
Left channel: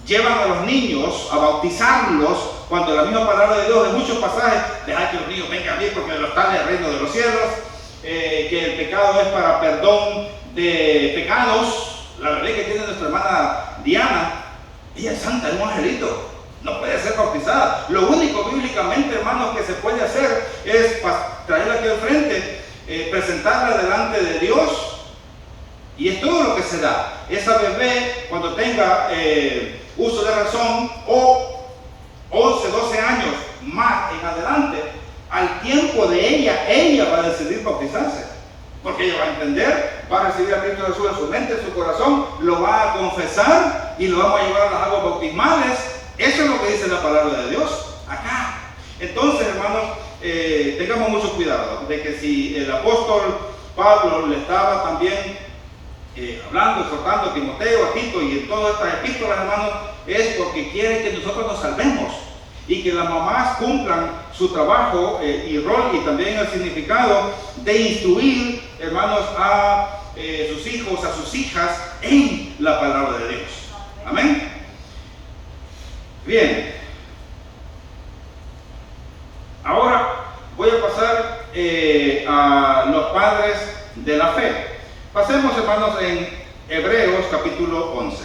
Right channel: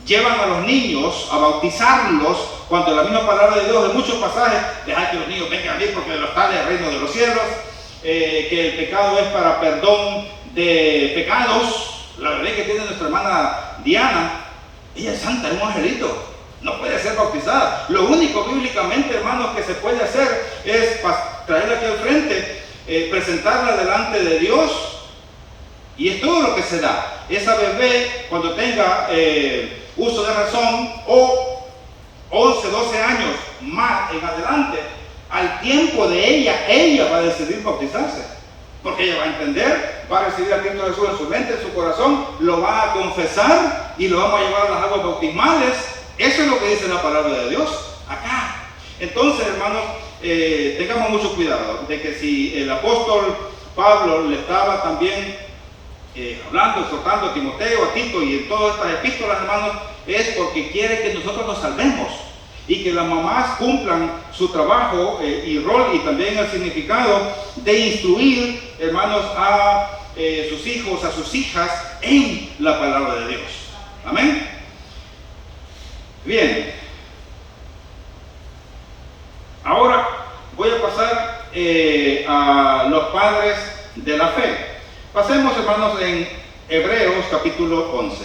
llevan a los niños a bautizarlos, cuando la misma palabra de Dios en muchos pasajes, deja que los niños vengan a mí porque de los tales es el reino de los cielos, que el pecado es para perdón de pecados. La verdad que tiene nuestra hermana Diana, ella es santa, es un angelito, no puede ser bautizada. Lo único bíblicamente, hermanos, que se puede hacer es traerla aquí al frente, presentarla delante de Dios, y es todo lo que se da. Esa bebé, cuando tenga uso de razón, o 11, 12 años más en adelante, al tiempo de ella va a decidir bautizarse, porque ella va a entender, va a recibir a Cristo Jesús en su mente, en su corazón, lo va a confesar y lo vamos a llevar a las aguas bautismales. Eso es lo que dice la palabra de Dios acá. Entonces, hermanos, tengamos mucho cuidado de que si el apóstol Pablo le estaba también hablando, exhortando a Timoteo, a Tito y en todas estas epístolas, hermanos, es porque quiere que nosotros nos salvemos y que las mamás cumplan su trabajo y rol, y también el significado de instruir, hermanos, a sus hijos, a sus hijas en la palabra de Dios. Amén. Bien. Ahora voy a pasar a los padres de la fe. Pasemos, hermanos, en Hebreos capítulo 11.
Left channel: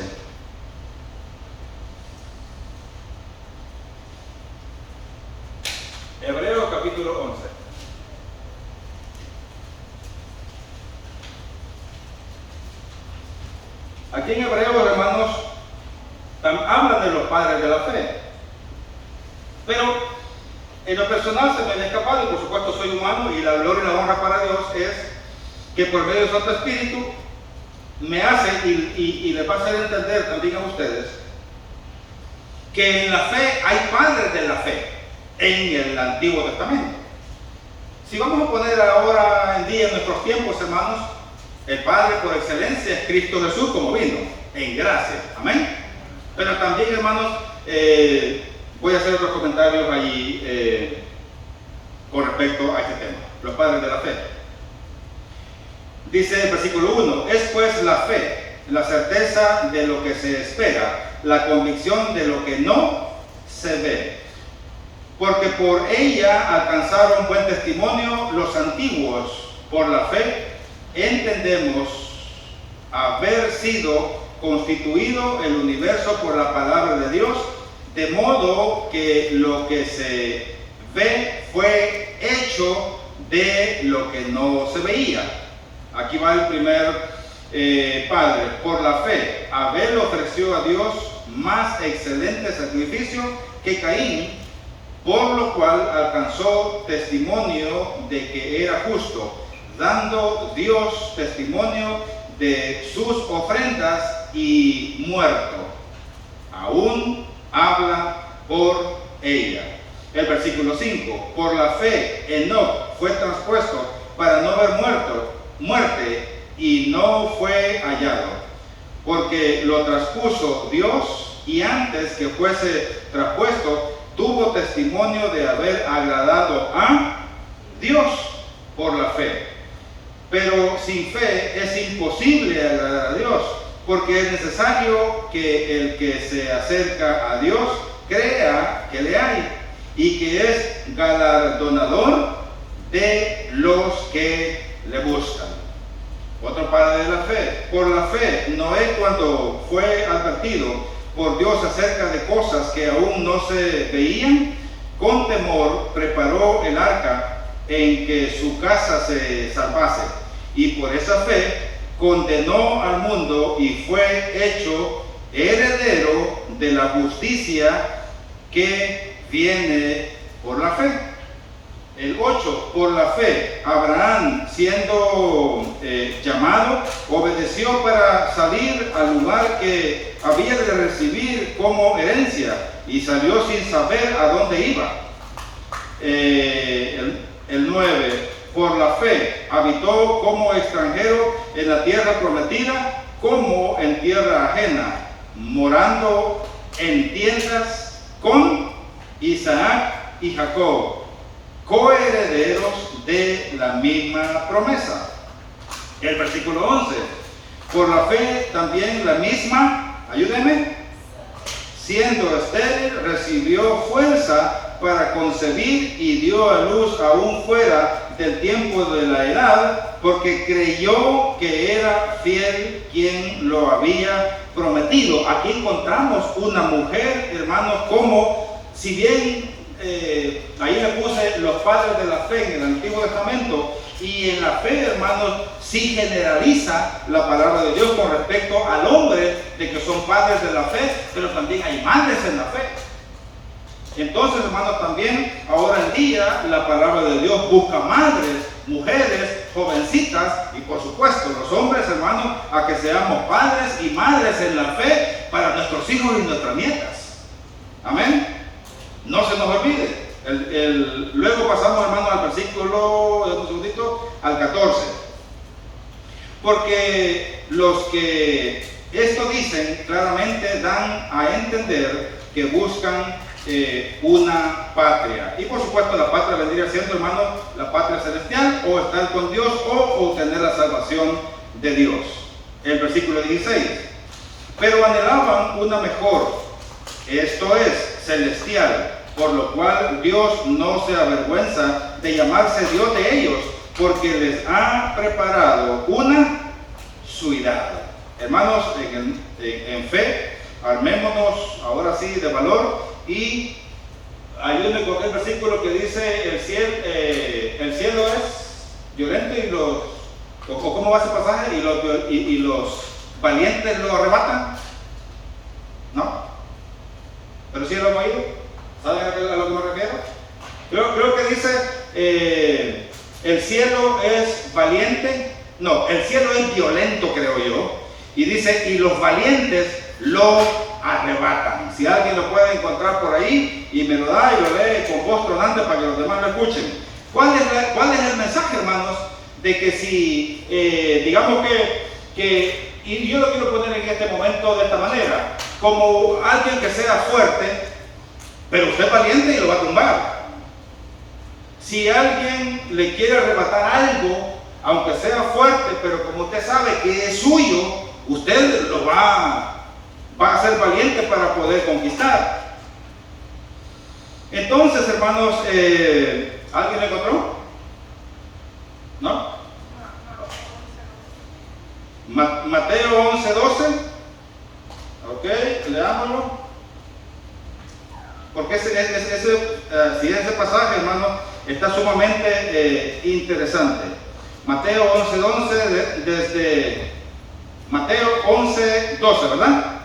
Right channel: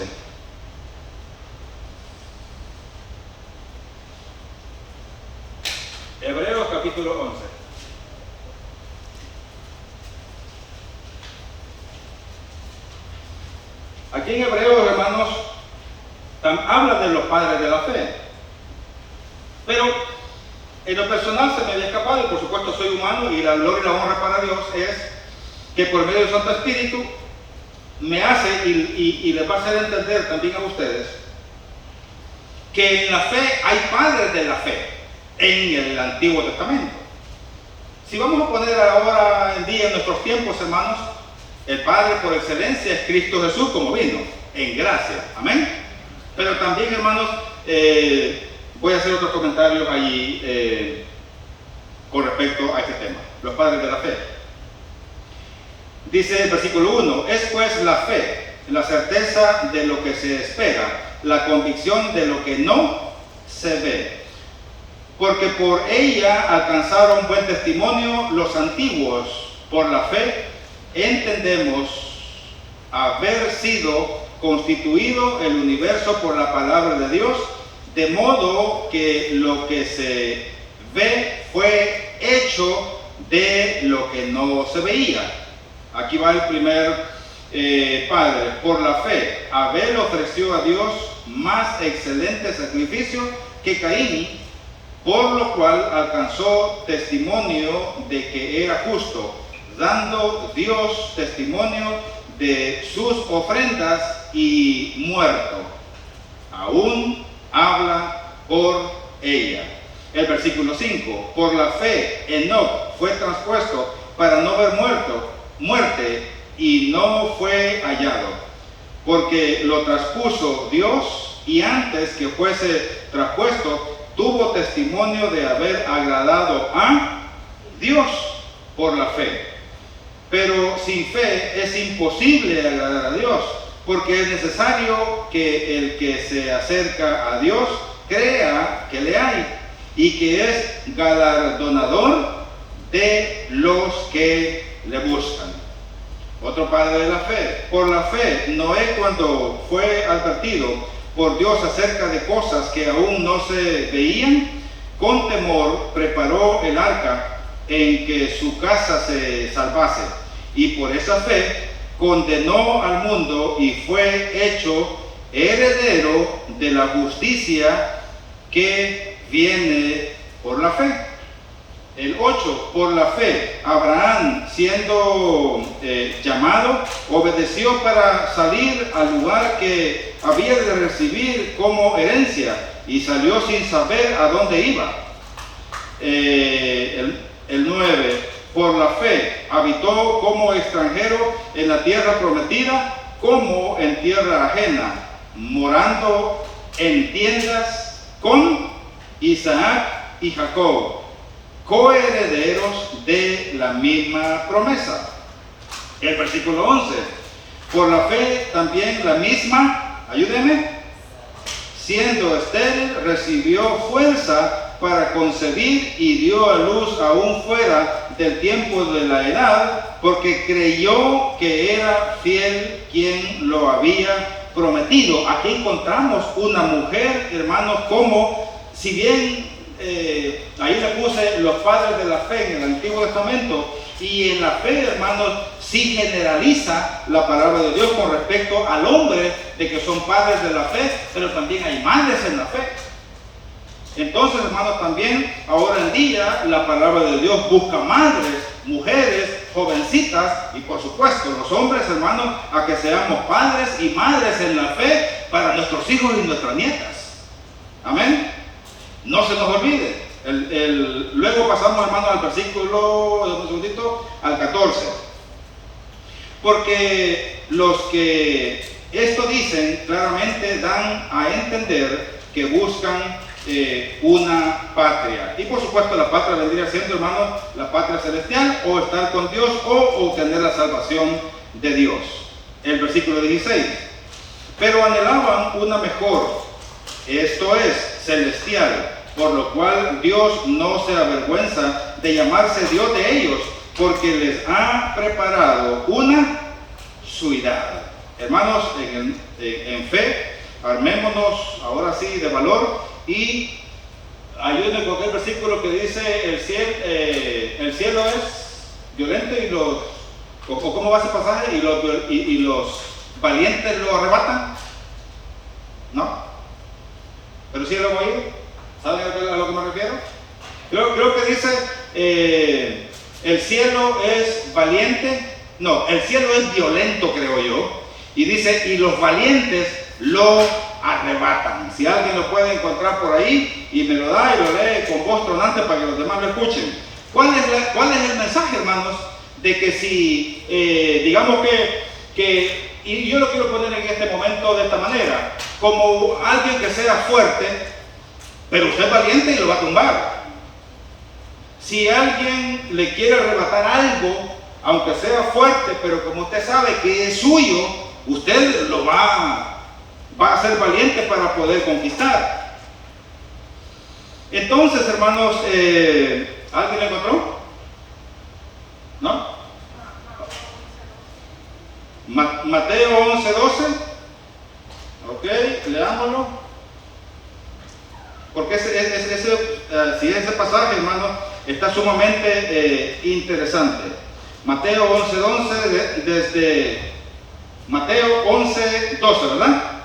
Hebreos capítulo 11. Aquí en Hebreos, hermanos, habla de los padres de la fe. Pero en lo personal se me había escapado, y por supuesto soy humano, y la gloria y la honra para Dios es que por medio del Santo Espíritu me hace y les va a hacer entender también a ustedes que en la fe hay padres de la fe en el Antiguo Testamento. Si vamos a poner ahora en día en nuestros tiempos, hermanos, el Padre por excelencia es Cristo Jesús como vino, en gracia. Amén. Pero también, hermanos, voy a hacer otros comentarios allí con respecto a este tema, los padres de la fe. Dice el versículo 1, es pues la fe, la certeza de lo que se espera, la convicción de lo que no se ve. Porque por ella alcanzaron buen testimonio los antiguos. Por la fe entendemos haber sido constituido el universo por la palabra de Dios, de modo que lo que se ve fue hecho de lo que no se veía. Aquí va el primer padre. Por la fe, Abel ofreció a Dios más excelente sacrificio que Caín, por lo cual alcanzó testimonio de que era justo, dando Dios testimonio de sus ofrendas, y muerto aún habla por ella. El versículo 5, por la fe Enoc fue traspuesto para no ver muerte, y no fue hallado, porque lo traspuso Dios, y antes que fuese traspuesto tuvo testimonio de haber agradado a Dios por la fe. Pero sin fe es imposible agradar a Dios, porque es necesario que el que se acerca a Dios crea que le hay y que es galardonador de los que le buscan. Otro padre de la fe. Por la fe, Noé, cuando fue advertido por Dios acerca de cosas que aún no se veían, con temor preparó el arca en que su casa se salvase, y por esa fe condenó al mundo y fue hecho heredero de la justicia que viene por la fe. El 8, por la fe, Abraham, siendo llamado, obedeció para salir al lugar que había de recibir como herencia, y salió sin saber a dónde iba. El 9, por la fe, habitó como extranjero en la tierra prometida, como en tierra ajena, morando en tiendas con Isaac y Jacob, coherederos de la misma promesa. El versículo 11, por la fe también la misma, ayúdenme, siendo estéril, recibió fuerza para concebir y dio a luz aún fuera del tiempo de la edad, porque creyó que era fiel quien lo había prometido. Aquí encontramos una mujer, hermanos, como, si bien ahí le puse los padres de la fe en el Antiguo Testamento, y en la fe, hermanos, sí generaliza la palabra de Dios con respecto al hombre, de que son padres de la fe, pero también hay madres en la fe. Entonces, hermanos, también ahora en día la palabra de Dios busca madres, mujeres, jovencitas, y por supuesto los hombres, hermanos, a que seamos padres y madres en la fe para nuestros hijos y nuestras nietas. Amén. No se nos olvide. Luego pasamos, hermanos, al versículo, un segundito, al 14. Porque los que esto dicen claramente dan a entender que buscan una patria. Y por supuesto la patria vendría siendo, hermanos, la patria celestial, o estar con Dios, o obtener la salvación de Dios. El versículo 16. Pero anhelaban una mejor, esto es, celestial, por lo cual Dios no se avergüenza de llamarse Dios de ellos, porque les ha preparado una ciudad. Hermanos, en fe, armémonos ahora sí de valor y ayúdenme con el versículo que dice el cielo es violento y los, o cómo va ese pasaje, y los valientes lo arrebatan. ¿No? Pero sí lo han oído. ¿Saben a lo que me refiero? Creo que dice el cielo es valiente. No, el cielo es violento, creo yo. Y dice, y los valientes lo arrebatan. Si alguien lo puede encontrar por ahí y me lo da y lo lee con voz tronante para que los demás lo escuchen. ¿Cuál es el mensaje, hermanos? De que si, digamos que, y yo lo quiero poner en este momento de esta manera, como alguien que sea fuerte, pero usted es valiente y lo va a tumbar. Si alguien le quiere arrebatar algo, aunque sea fuerte, pero como usted sabe que es suyo, usted lo va a ser valiente para poder conquistar. Entonces, hermanos, ¿alguien lo encontró? ¿No? Mateo 11:12. Ok, leámoslo. Porque si ese pasaje, hermano, está sumamente interesante. Mateo 11:11, desde Mateo 11:12, ¿verdad?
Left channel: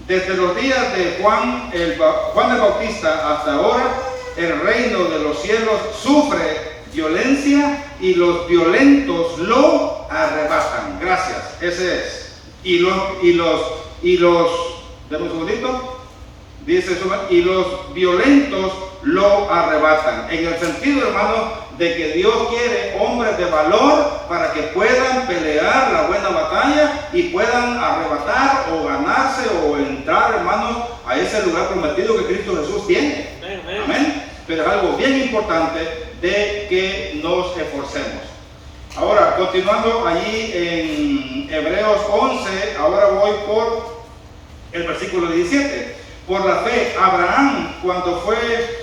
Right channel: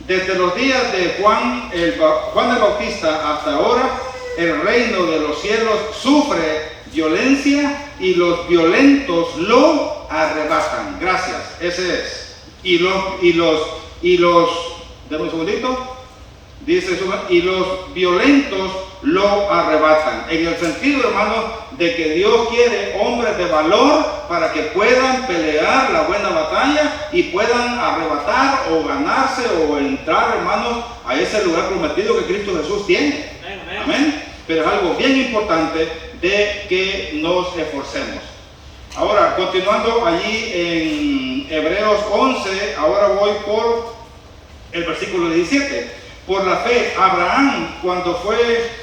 Desde los días de Juan el Bautista hasta ahora, el reino de los cielos sufre violencia y los violentos lo arrebatan. Gracias, ese es. Y los, dame un segundito. Dice eso, y los violentos lo arrebatan. En el sentido, hermano, de que Dios quiere hombres de valor para que puedan pelear la buena batalla y puedan arrebatar o ganarse o entrar, hermanos, a ese lugar prometido que Cristo Jesús tiene. Amén. Pero es algo bien importante de que nos esforcemos. Ahora, continuando allí en Hebreos 11, ahora voy por el versículo 17. Por la fe, Abraham, cuando fue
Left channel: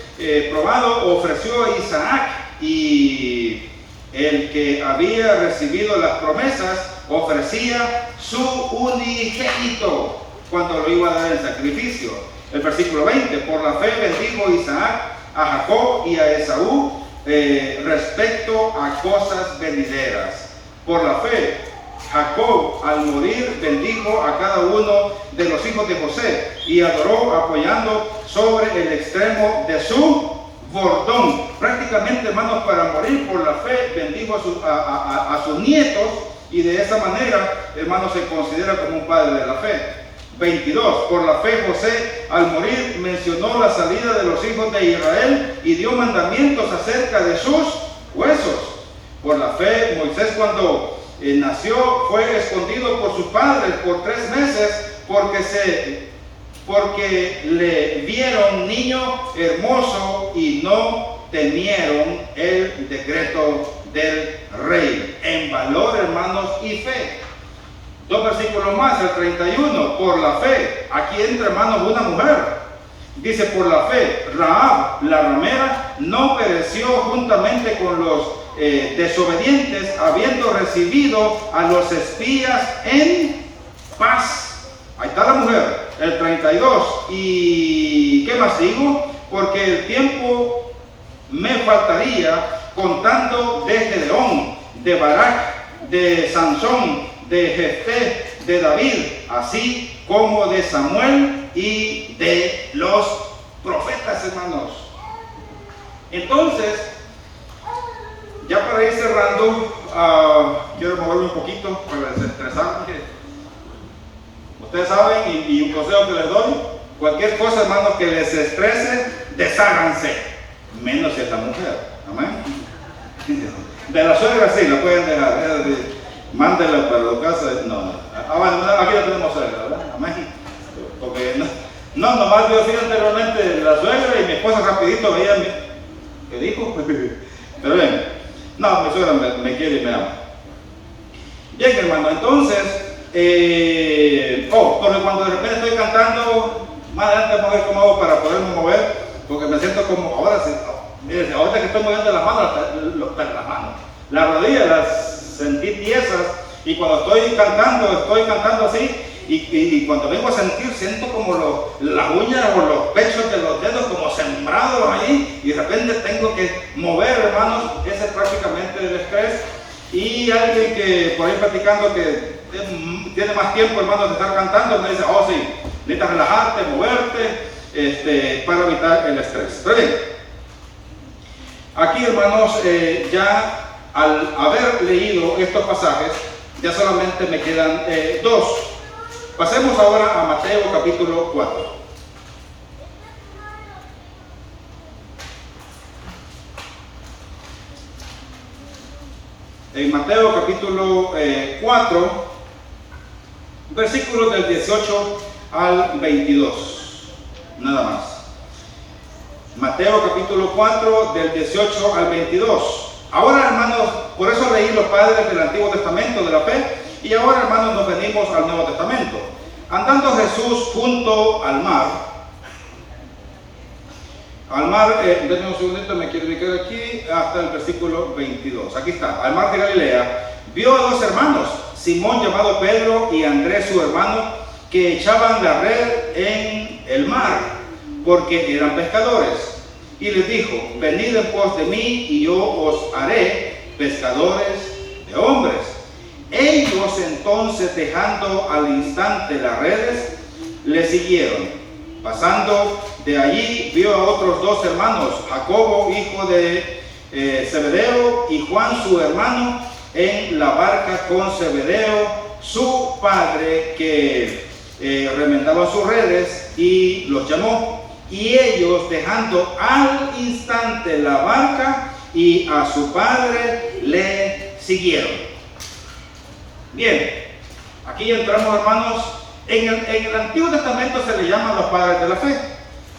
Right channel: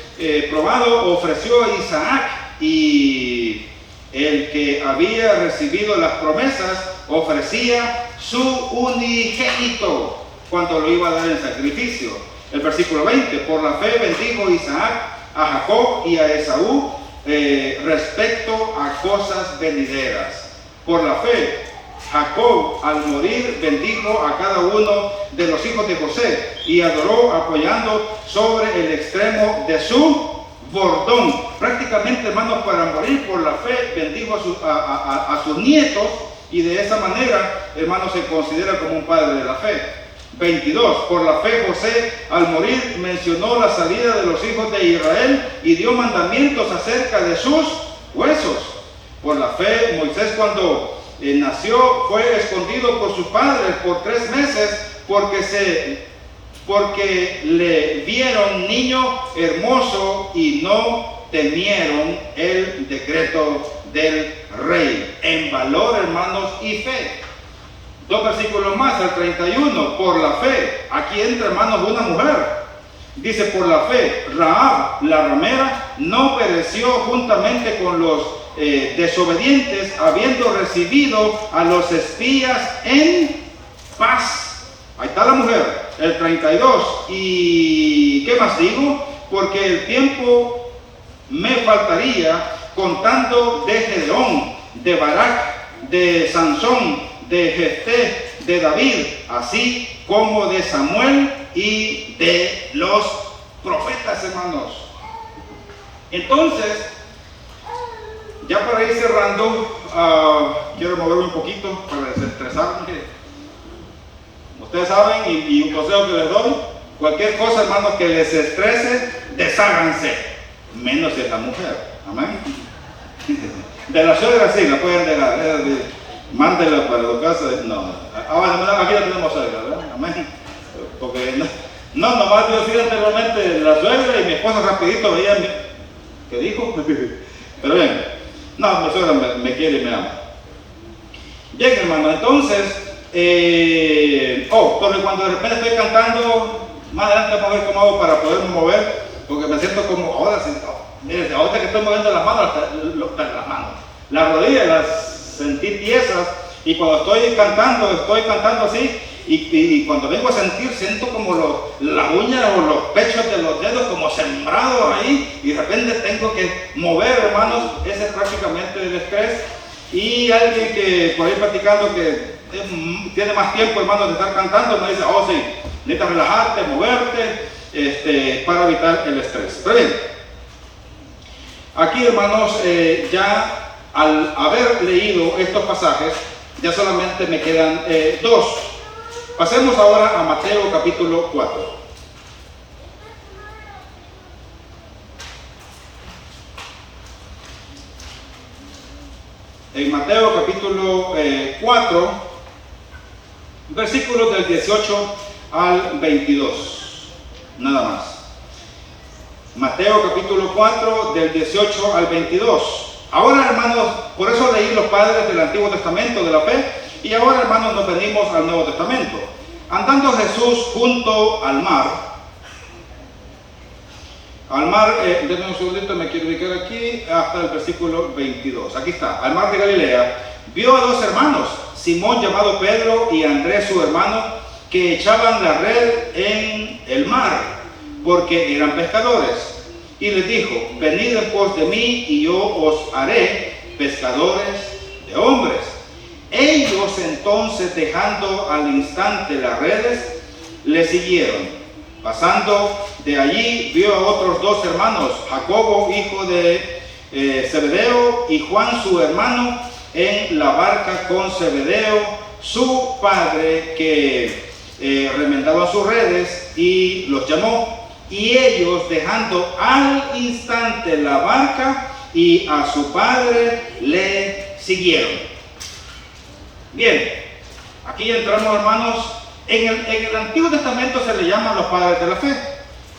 probado, ofreció a Isaac, y el que había recibido las promesas ofrecía su unigénito cuando lo iba a dar en sacrificio. El versículo 20, por la fe bendijo Isaac a Jacob y a Esaú respecto a cosas venideras. Por la fe, Jacob al morir bendijo a cada uno de los hijos de José y adoró apoyando sobre el extremo de su bordón. Prácticamente, hermanos, para morir por la fe bendijo a sus nietos, y de esa manera, hermanos, se considera como un padre de la fe. 22. Por la fe José al morir mencionó la salida de los hijos de Israel y dio mandamientos acerca de sus huesos. Por la fe Moisés, cuando nació, fue escondido por sus padres por 3 meses porque le vieron niño hermoso y no temieron el decreto del rey. En valor, hermanos, y fe. 2 versículos más, el 31. Por la fe, aquí entra, hermanos, una mujer. Dice, por la fe, Rahab, la ramera, no pereció juntamente con los desobedientes, habiendo recibido a los espías en paz. Ahí está la mujer. El 32. ¿Y qué más digo? Porque el tiempo me faltaría contando de Gedeón, de Barak, de Sansón, de Jefté, de David, así como de Samuel y de los profetas, hermanos. Entonces, ya para ir cerrando, quiero moverme un poquito para desestresarme. Ustedes saben, y un consejo que les doy, cualquier cosa, hermanos, que les estrese, desháganse, menos si es la mujer. Amén. De la suegra sí, la pueden dejar, es decir, mándela para tu casa. No, aquí no tenemos suegra, ¿verdad? Amén. Porque no, nomás Dios sí anteriormente la suegra y mi esposa rapidito veía ¿qué dijo? Pero bien, no, mi suegra me quiere y me ama. Bien, hermano, entonces, porque cuando de repente estoy cantando, más adelante vamos a ver cómo hago para poderme mover, porque me siento como, ahora que estoy moviendo las manos, las rodillas las sentí tiesas, y cuando estoy cantando así, y cuando vengo a sentir, siento como las uñas o los pechos de los dedos como sembrados ahí, y de repente tengo que mover, hermanos. Ese es prácticamente el estrés. Y alguien que por ahí platicando que tiene más tiempo, hermanos, de estar cantando, me dice, oh sí, necesitas relajarte, moverte, para evitar el estrés. Pero bien, aquí, hermanos, ya al haber leído estos pasajes, ya solamente me quedan dos. Pasemos ahora a Mateo capítulo 4. En Mateo capítulo 4, versículos del 18 al 22, nada más. Mateo capítulo 4, del 18 al 22. Ahora, hermanos, por eso leí los padres del Antiguo Testamento de la fe, y ahora, hermanos, nos venimos al Nuevo Testamento. Andando Jesús junto al mar, denme un segundito, me quiero ubicar aquí, hasta el versículo 22. Aquí está, al mar de Galilea, vio a dos hermanos, Simón llamado Pedro y Andrés su hermano, que echaban la red en el mar, porque eran pescadores. Y les dijo, venid en pos de mí, y yo os haré pescadores de hombres. Ellos entonces, dejando al instante las redes, le siguieron. Pasando de allí, vio a otros dos hermanos, Jacobo, hijo de Zebedeo, y Juan, su hermano, en la barca con Zebedeo, su padre, que remendaban sus redes, y los llamó. Y ellos, dejando al instante la barca y a su padre, le siguieron. Bien, aquí entramos, hermanos. En el Antiguo Testamento se le llaman los padres de la fe.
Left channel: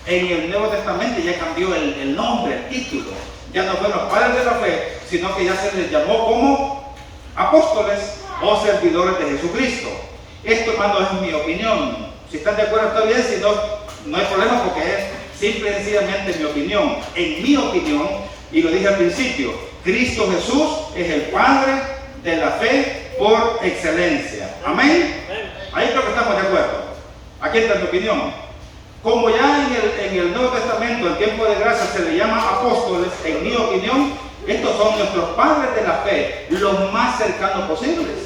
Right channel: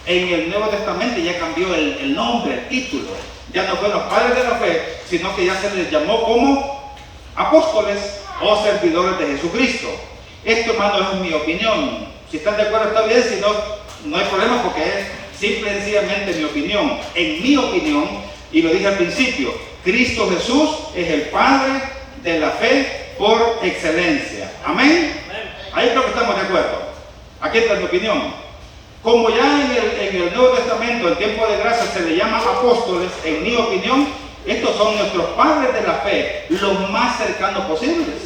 En el Nuevo Testamento ya cambió el nombre, el título. Ya no fueron los padres de la fe, sino que ya se les llamó como apóstoles o servidores de Jesucristo. Esto, hermanos, es mi opinión. Si están de acuerdo, está bien. Si no, no hay problema, porque es simple y sencillamente mi opinión. En mi opinión, y lo dije al principio, Cristo Jesús es el Padre de la fe por excelencia. Amén. Ahí creo que estamos de acuerdo. Aquí está mi opinión. Como ya en el Nuevo Testamento, en tiempo de gracia, se le llama apóstoles, en mi opinión, estos son nuestros padres de la fe, los más cercanos posibles.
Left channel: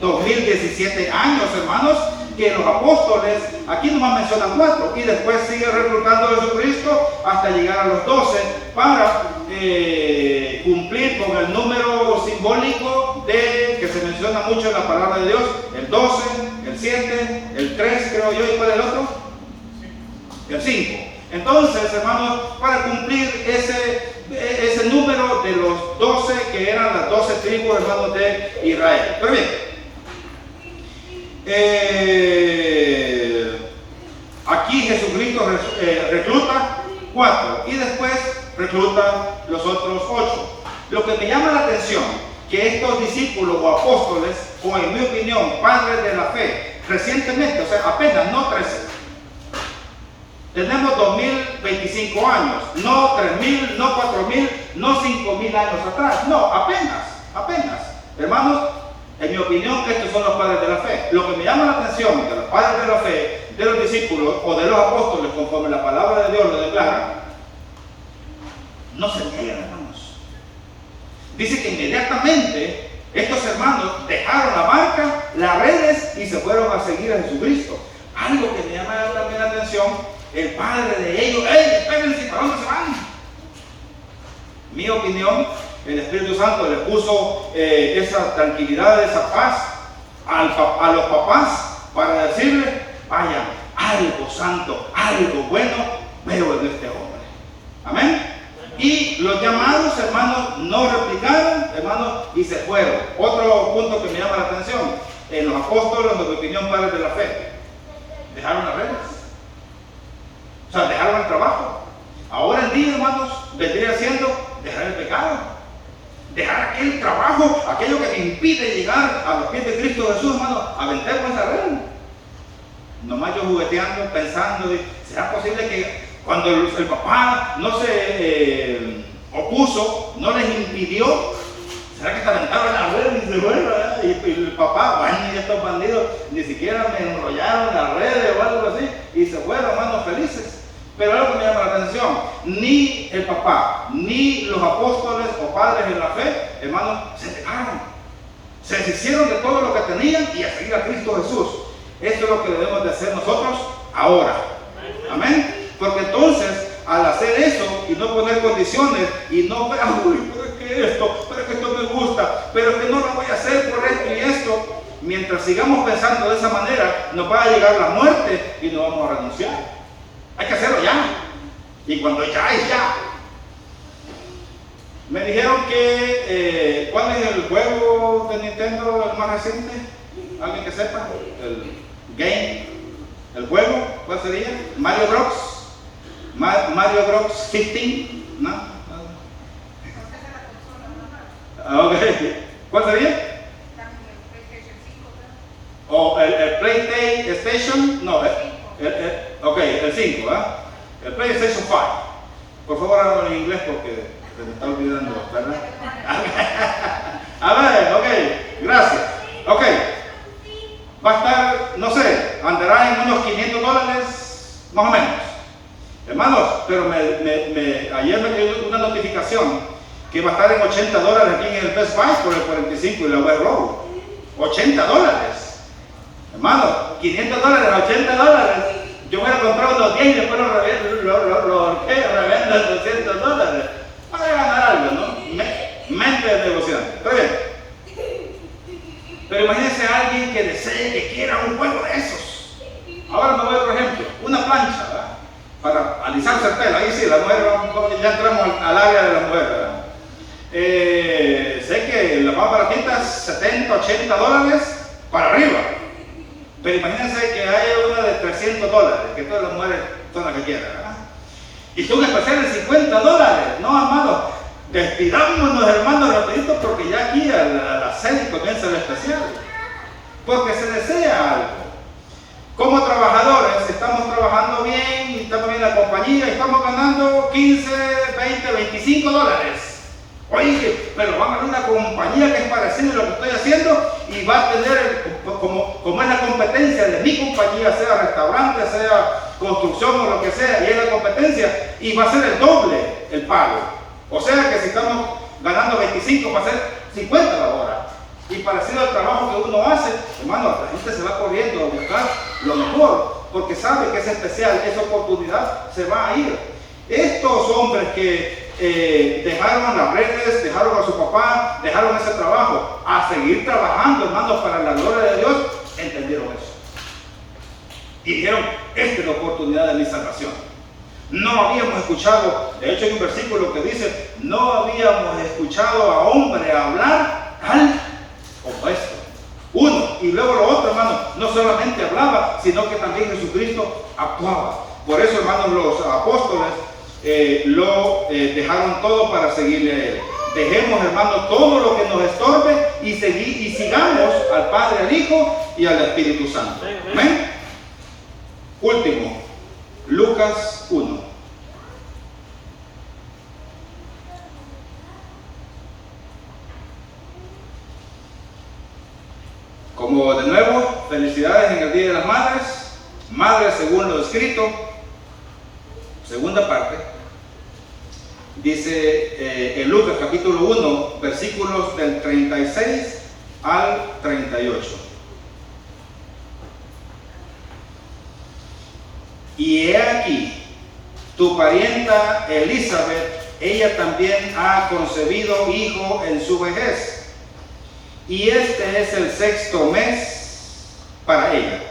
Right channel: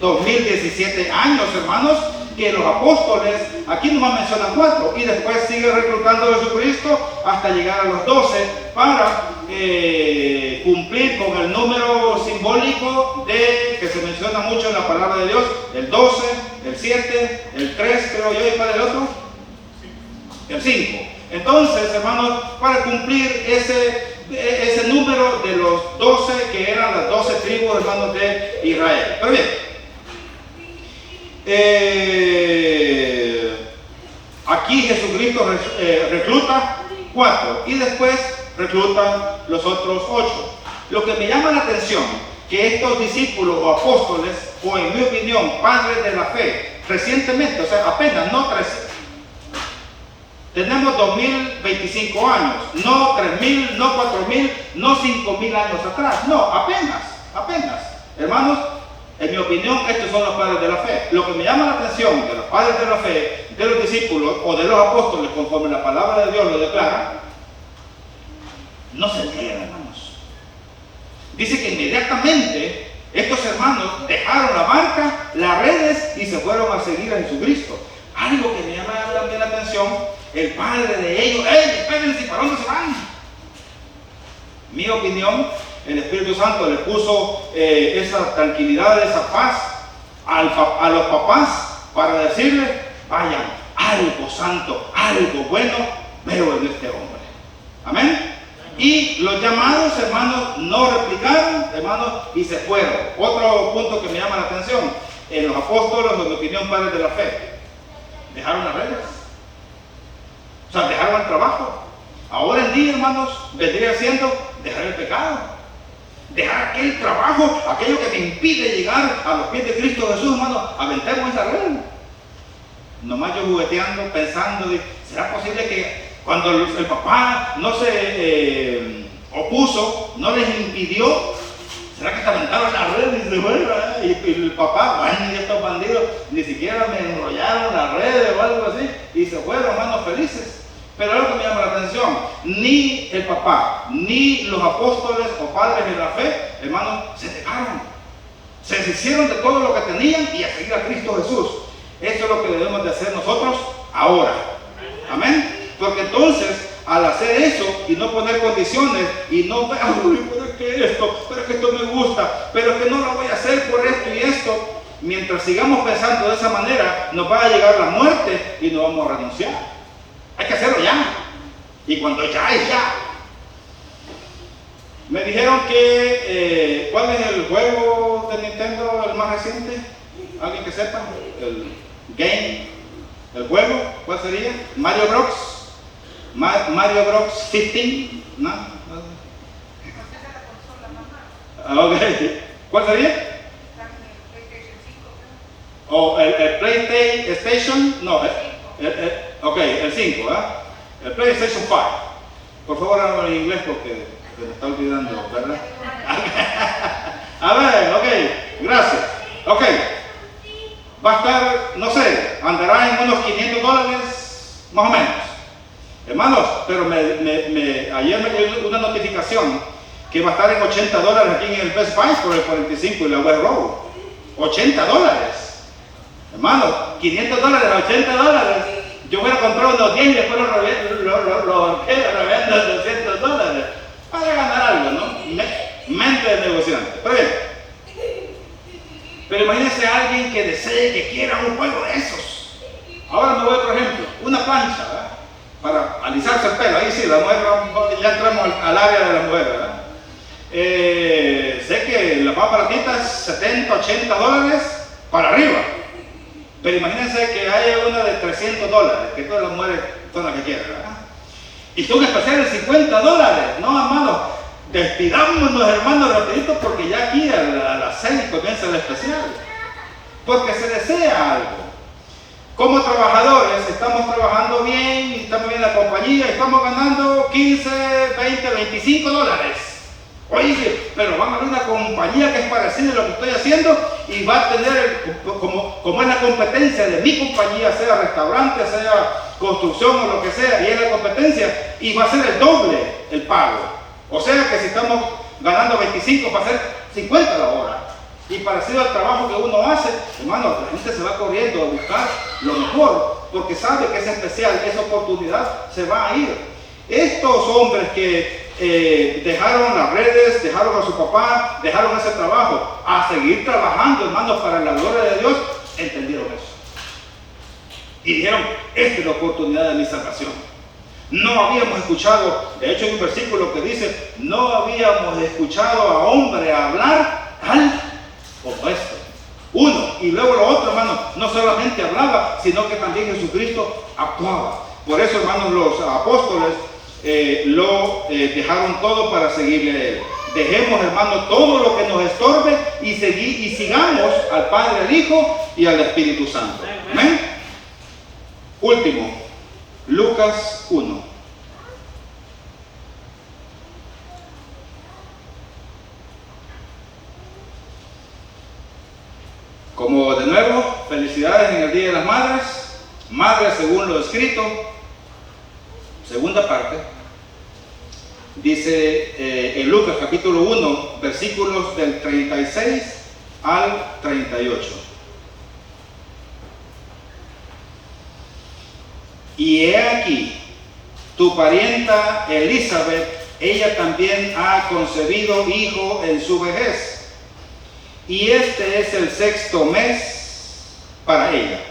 2017 años, hermanos, que los apóstoles, aquí nomás mencionan 4, y después sigue reclutando a Jesucristo hasta llegar a los 12 para cumplir con el número simbólico que se menciona mucho en la palabra de Dios, el 12, el 7, el 3, creo yo, ¿y cuál es el otro? El 5. Entonces, hermanos, para cumplir ese número de los 12, que eran las 12 tribus, hermanos, de Israel. Pero bien, aquí Jesucristo recluta 4 y después recluta los otros 8. Lo que me llama la atención, que estos discípulos o apóstoles, o en mi opinión, padres de la fe, recientemente, o sea, apenas, no 13, tenemos 2025 años, no 3000, no 4000, no 5000 años atrás, no, apenas. Hermanos, en mi opinión, estos son los padres de la fe. Lo que me llama la atención de los padres de la fe, de los discípulos o de los apóstoles, conforme la palabra de Dios lo declara, no se niegan, hermanos. Dice que inmediatamente estos hermanos dejaron la barca, las redes, y se fueron a seguir a Jesucristo. Algo que me llama también la atención, el padre de ellos, espérense, ¿para dónde se van? Mi opinión, el Espíritu Santo le puso esa tranquilidad, esa paz a los papás para decirle, vayan, algo santo, algo bueno veo en este hombre. Amén. Y los llamados, hermanos, no replicaron, hermanos, y se fueron. Otro punto que me llama la atención, en los apóstoles, en mi opinión, padres de la fe, dejaron las redes. O sea, dejaron el trabajo. Ahora en día, hermanos, vendría siendo dejar el pecado. Dejar aquel trabajo, aquello que me impide llegar a los pies de Cristo Jesús, hermano, aventemos esa red. Nomás yo jugueteando, pensando, ¿será posible que cuando el papá no se opuso, no les impidió? ¿Será que se aventaron la red y se fueron? Y el papá, bueno, y estos bandidos ni siquiera me enrollaron la red o algo así, y se fueron, hermanos, felices. Pero algo que me llama la atención, ni el papá, ni los apóstoles o padres de la fe, hermanos, se dejaron. Se deshicieron de todo lo que tenían y a seguir a Cristo Jesús. Eso es lo que debemos de hacer nosotros ahora. Amén. Porque entonces, al hacer eso y no poner condiciones y no, pero es que esto, pero es que esto me gusta, pero es que no lo voy a hacer por esto y esto, mientras sigamos pensando de esa manera, nos va a llegar la muerte y no vamos a renunciar. Hay que hacerlo ya. Y cuando ya es ya. Me dijeron que, ¿cuál es el juego de Nintendo el más reciente? ¿Alguien que sepa? El game, el juego, ¿cuál sería? Mario Bros. Mario Bros 15, ¿no? Ok, ¿cuál sería? O el PlayStation, no, ok, el 5, el PlayStation 5. Por favor, háblame en inglés porque se me está olvidando, ¿verdad? A ver, ok, gracias. Ok, va a estar, no sé, andará en unos $500, más o menos. Hermanos, pero ayer me dio una notificación que va a estar en $80 aquí en el Best Buy por el 45 y la West Road. $80. Hermanos, $500, $80. Yo voy a comprar unos 10 y después lo revendo $200 para ganar algo, ¿no? Mente de negociante. Pero bien. Pero imagínense a alguien que desee, que quiera un juego de esos. Ahora me voy, por ejemplo, una plancha, ¿verdad? Para alisarse el pelo. Ahí sí, la mujer, ya entramos al área de la mujer, ¿verdad? Sé que las más baratitas, $70, $80 para arriba. Pero imagínense que haya una de $300, que todas las mujeres son las que quieran, ¿verdad? Y son especiales $50. No, hermanos, despidámonos, hermanos, rapidito, porque ya aquí a las 6 comienza el especial. Porque se desea algo. Como trabajadores, estamos trabajando bien, estamos bien en la compañía, estamos ganando $15, $20, $25. Oye, pero van a ver una compañía que es parecida a lo que estoy haciendo y va a tener, como es la competencia de mi compañía, sea restaurante, sea construcción o lo que sea, y es la competencia, y va a ser el doble el pago. O sea que si estamos ganando 25, va a ser 50 la hora. Y parecido al trabajo que uno hace, hermano, la gente se va corriendo a buscar lo mejor, porque sabe que es especial, esa oportunidad se va a ir. Estos hombres que dejaron las redes, dejaron a su papá, dejaron ese trabajo, a seguir trabajando, hermanos, para la gloria de Dios, entendieron eso. Y dijeron, esta es la oportunidad de mi salvación. No habíamos escuchado, de hecho hay un versículo que dice, no habíamos escuchado a hombre hablar tal como esto. Uno, y luego lo otro, hermano, no solamente hablaba, sino que también Jesucristo actuaba. Por eso, hermanos, los apóstoles lo dejaron todo para seguirle a él. Dejemos, hermanos, todo lo que nos estorbe y sigamos al Padre, al Hijo y al Espíritu Santo. ¿Amén? Último, Lucas 1. Como de nuevo, felicidades en el Día de las Madres. Madres según lo escrito. Segunda parte. Dice en Lucas capítulo 1, versículos del 36 al 38. Y he aquí, tu parienta Elizabeth, ella también ha concebido hijo en su vejez. Y este es el 6º mes para ella,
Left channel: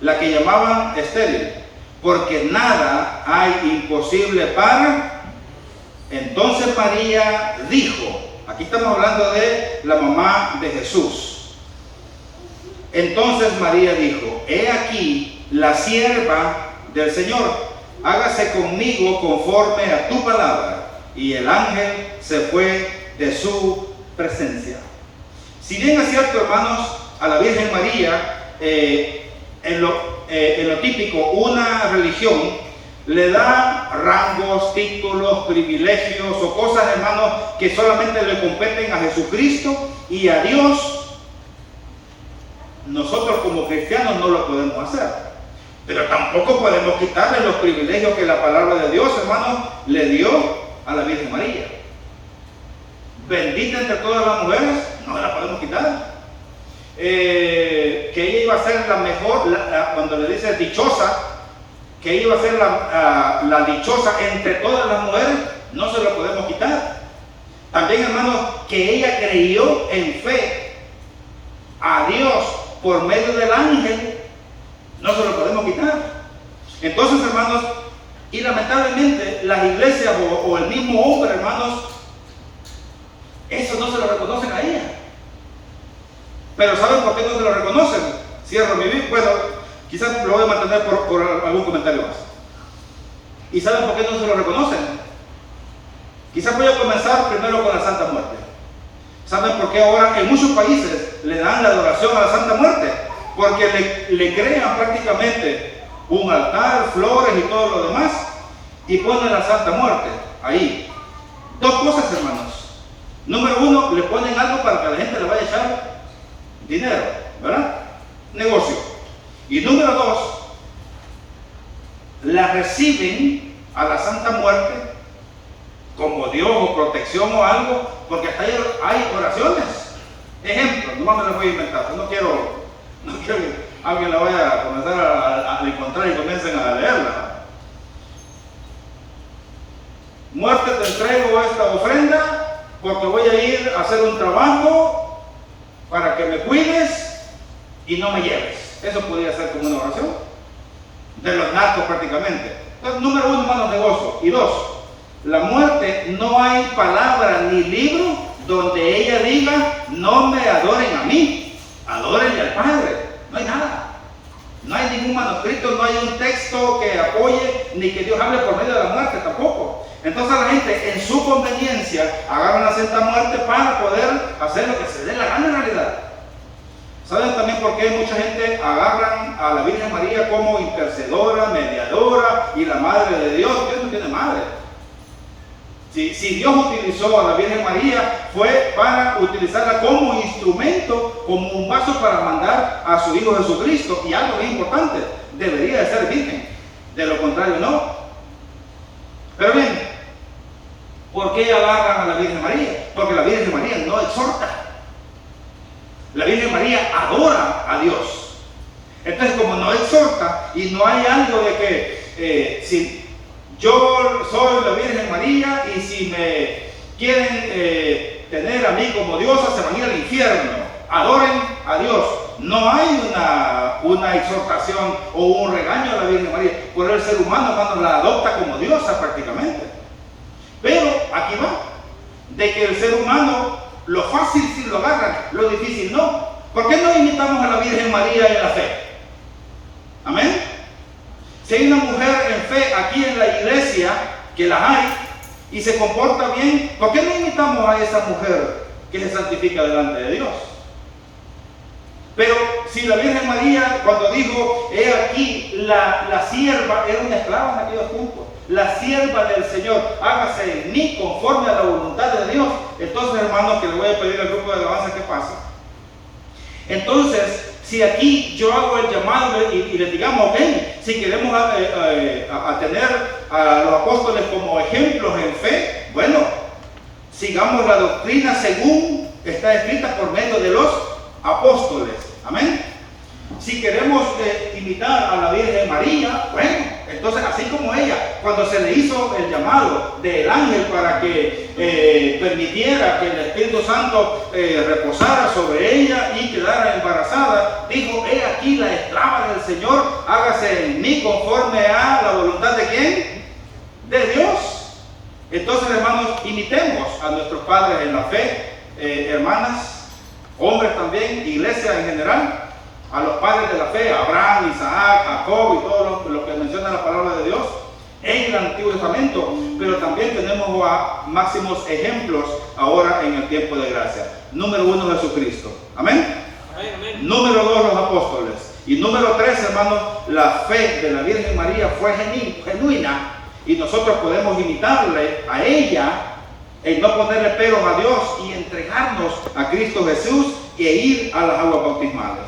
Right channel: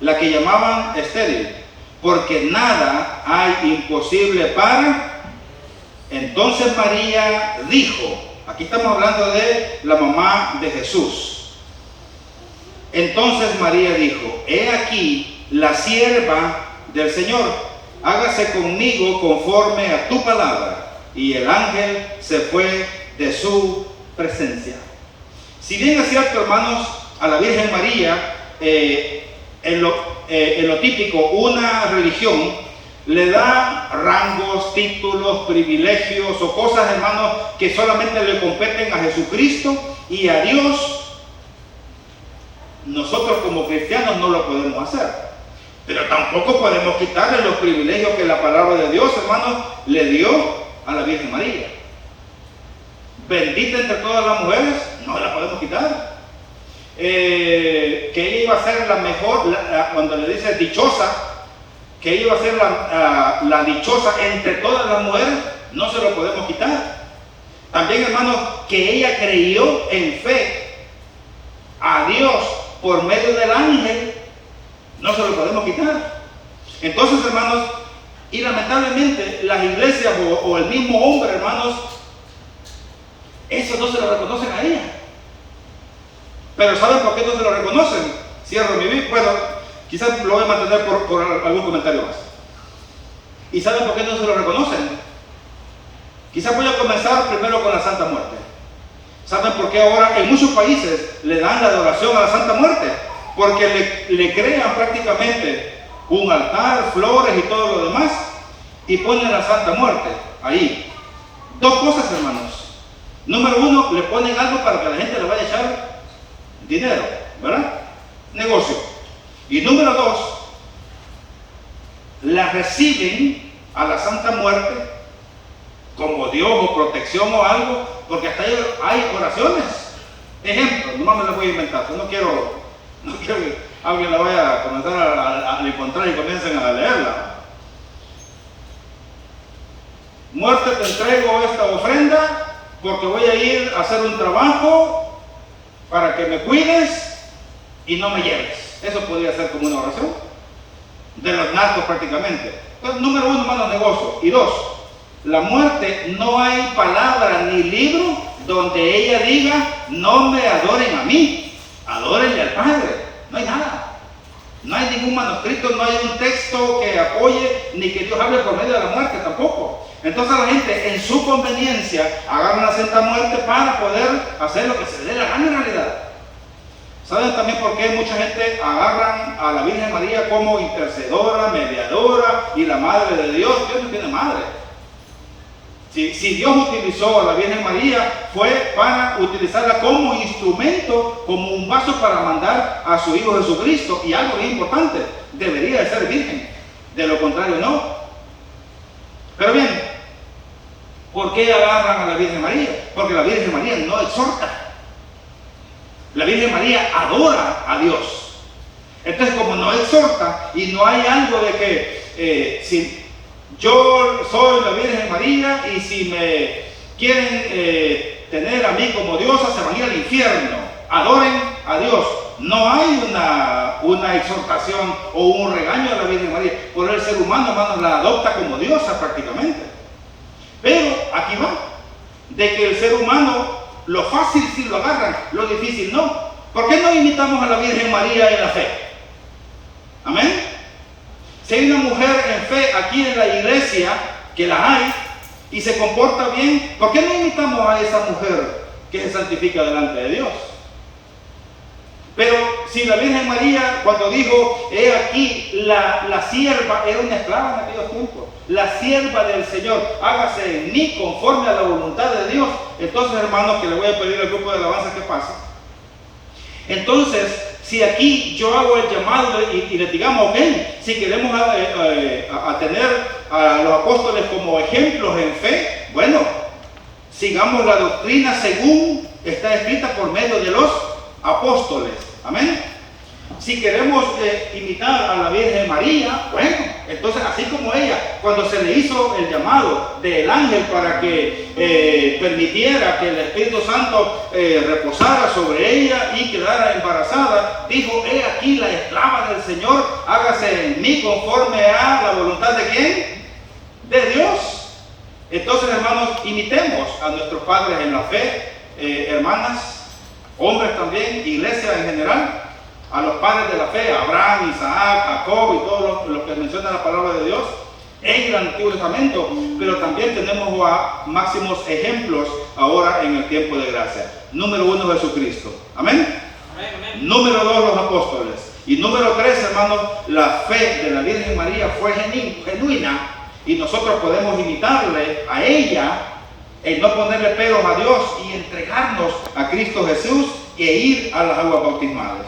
la que llamaban estéril, porque nada hay imposible para. Entonces María dijo, aquí estamos hablando de la mamá de Jesús. Entonces María dijo, he aquí la sierva del Señor, hágase conmigo conforme a tu palabra. Y el ángel se fue de su presencia. Si bien es cierto, hermanos, a la Virgen María, en lo típico, una religión le da rangos, títulos, privilegios o cosas, hermanos, que solamente le competen a Jesucristo y a Dios. Nosotros como cristianos no lo podemos hacer, pero tampoco podemos quitarle los privilegios que la palabra de Dios, hermanos, le dio a la Virgen María. Bendita entre todas las mujeres, no la podemos quitar. Que ella iba a ser la mejor, cuando le dice dichosa, que ella iba a ser la dichosa entre todas las mujeres, no se lo podemos quitar. También, hermanos, que ella creyó en fe a Dios por medio del ángel, no se lo podemos quitar. Entonces, hermanos, y lamentablemente las iglesias o el mismo hombre, hermanos, eso no se lo reconocen a ella. Pero ¿saben por qué no se lo reconocen? Cierro mi Biblia. Bueno, quizás lo voy a mantener por algún comentario más. ¿Y saben por qué no se lo reconocen? Quizás voy a comenzar primero con la Santa Muerte. ¿Saben por qué ahora en muchos países le dan la adoración a la Santa Muerte? Porque le crean prácticamente un altar, flores y todo lo demás, y ponen la Santa Muerte ahí. Dos cosas, hermanos. Número uno, le ponen algo para que la gente le vaya a echar dinero, ¿verdad? Negocio. Y número dos, la reciben a la Santa Muerte como Dios o protección o algo, porque hasta ahí hay oraciones. Ejemplo, no me las voy a inventar, no quiero que alguien la vaya a comenzar a encontrar y comiencen a leerla. Muerte, te entrego esta ofrenda porque voy a ir a hacer un trabajo para que me cuides y no me lleves. Eso podría ser como una oración de los narcos prácticamente. Entonces, número uno, hermanos, negocio. Y dos, la muerte, no hay palabra ni libro donde ella diga, no me adoren a mí, adórenle al Padre. No hay nada. No hay ningún manuscrito, no hay un texto que apoye, ni que Dios hable por medio de la muerte tampoco. Entonces la gente en su conveniencia agarra la Santa Muerte para poder hacer lo que se le dé la gana en realidad. ¿Saben también por qué mucha gente agarran a la Virgen María como intercedora, mediadora y la Madre de Dios? Dios no tiene madre. Si Dios utilizó a la Virgen María, fue para utilizarla como instrumento, como un vaso para mandar a su Hijo Jesucristo. Y algo bien importante, debería de ser virgen. De lo contrario, no. Pero bien, ¿por qué agarran a la Virgen María? Porque la Virgen María no exhorta. La Virgen María adora a Dios. Entonces, como no exhorta y no hay algo de que si yo soy la Virgen María y si me quieren tener a mí como diosa, se van a ir al infierno. Adoren a Dios. No hay una exhortación o un regaño a la Virgen María. Por el ser humano, hermano, la adopta como diosa prácticamente. Pero aquí va, de que el ser humano, lo fácil sí lo agarran, lo difícil no. ¿Por qué no imitamos a la Virgen María en la fe? Amén. Si hay una mujer en fe aquí en la iglesia, que la hay, y se comporta bien, ¿por qué no imitamos a esa mujer que se santifica delante de Dios? Pero si la Virgen María, cuando dijo, he aquí, la sierva, era una esclava en aquellos tiempos, la sierva del Señor, hágase en mí conforme a la voluntad de Dios. Entonces, hermanos, que le voy a pedir al grupo de alabanza que pase. Entonces, si aquí yo hago el llamado y les digamos, ok, si queremos a tener a los apóstoles como ejemplos en fe, bueno, sigamos la doctrina según está escrita por medio de los apóstoles. Amén. Si queremos imitar a la Virgen María, bueno, entonces así como ella, cuando se le hizo el llamado del ángel para que permitiera que el Espíritu Santo reposara sobre ella y quedara embarazada, dijo, he aquí la esclava del Señor, hágase en mí conforme a la voluntad de ¿quién? De Dios. Entonces, hermanos, imitemos a nuestros padres en la fe, hermanas, hombres también, iglesia en general, a los padres de la fe, Abraham, Isaac, Jacob y todos los que menciona la palabra de Dios en el Antiguo Testamento, pero también tenemos máximos ejemplos ahora en el tiempo de gracia. Número 1, Jesucristo. Amén. Número 2, los apóstoles. Y número 3, hermanos, la fe de la Virgen María fue genuina, y nosotros podemos imitarle a ella en no ponerle peros a Dios y entregarnos a Cristo Jesús e ir a las aguas bautismales.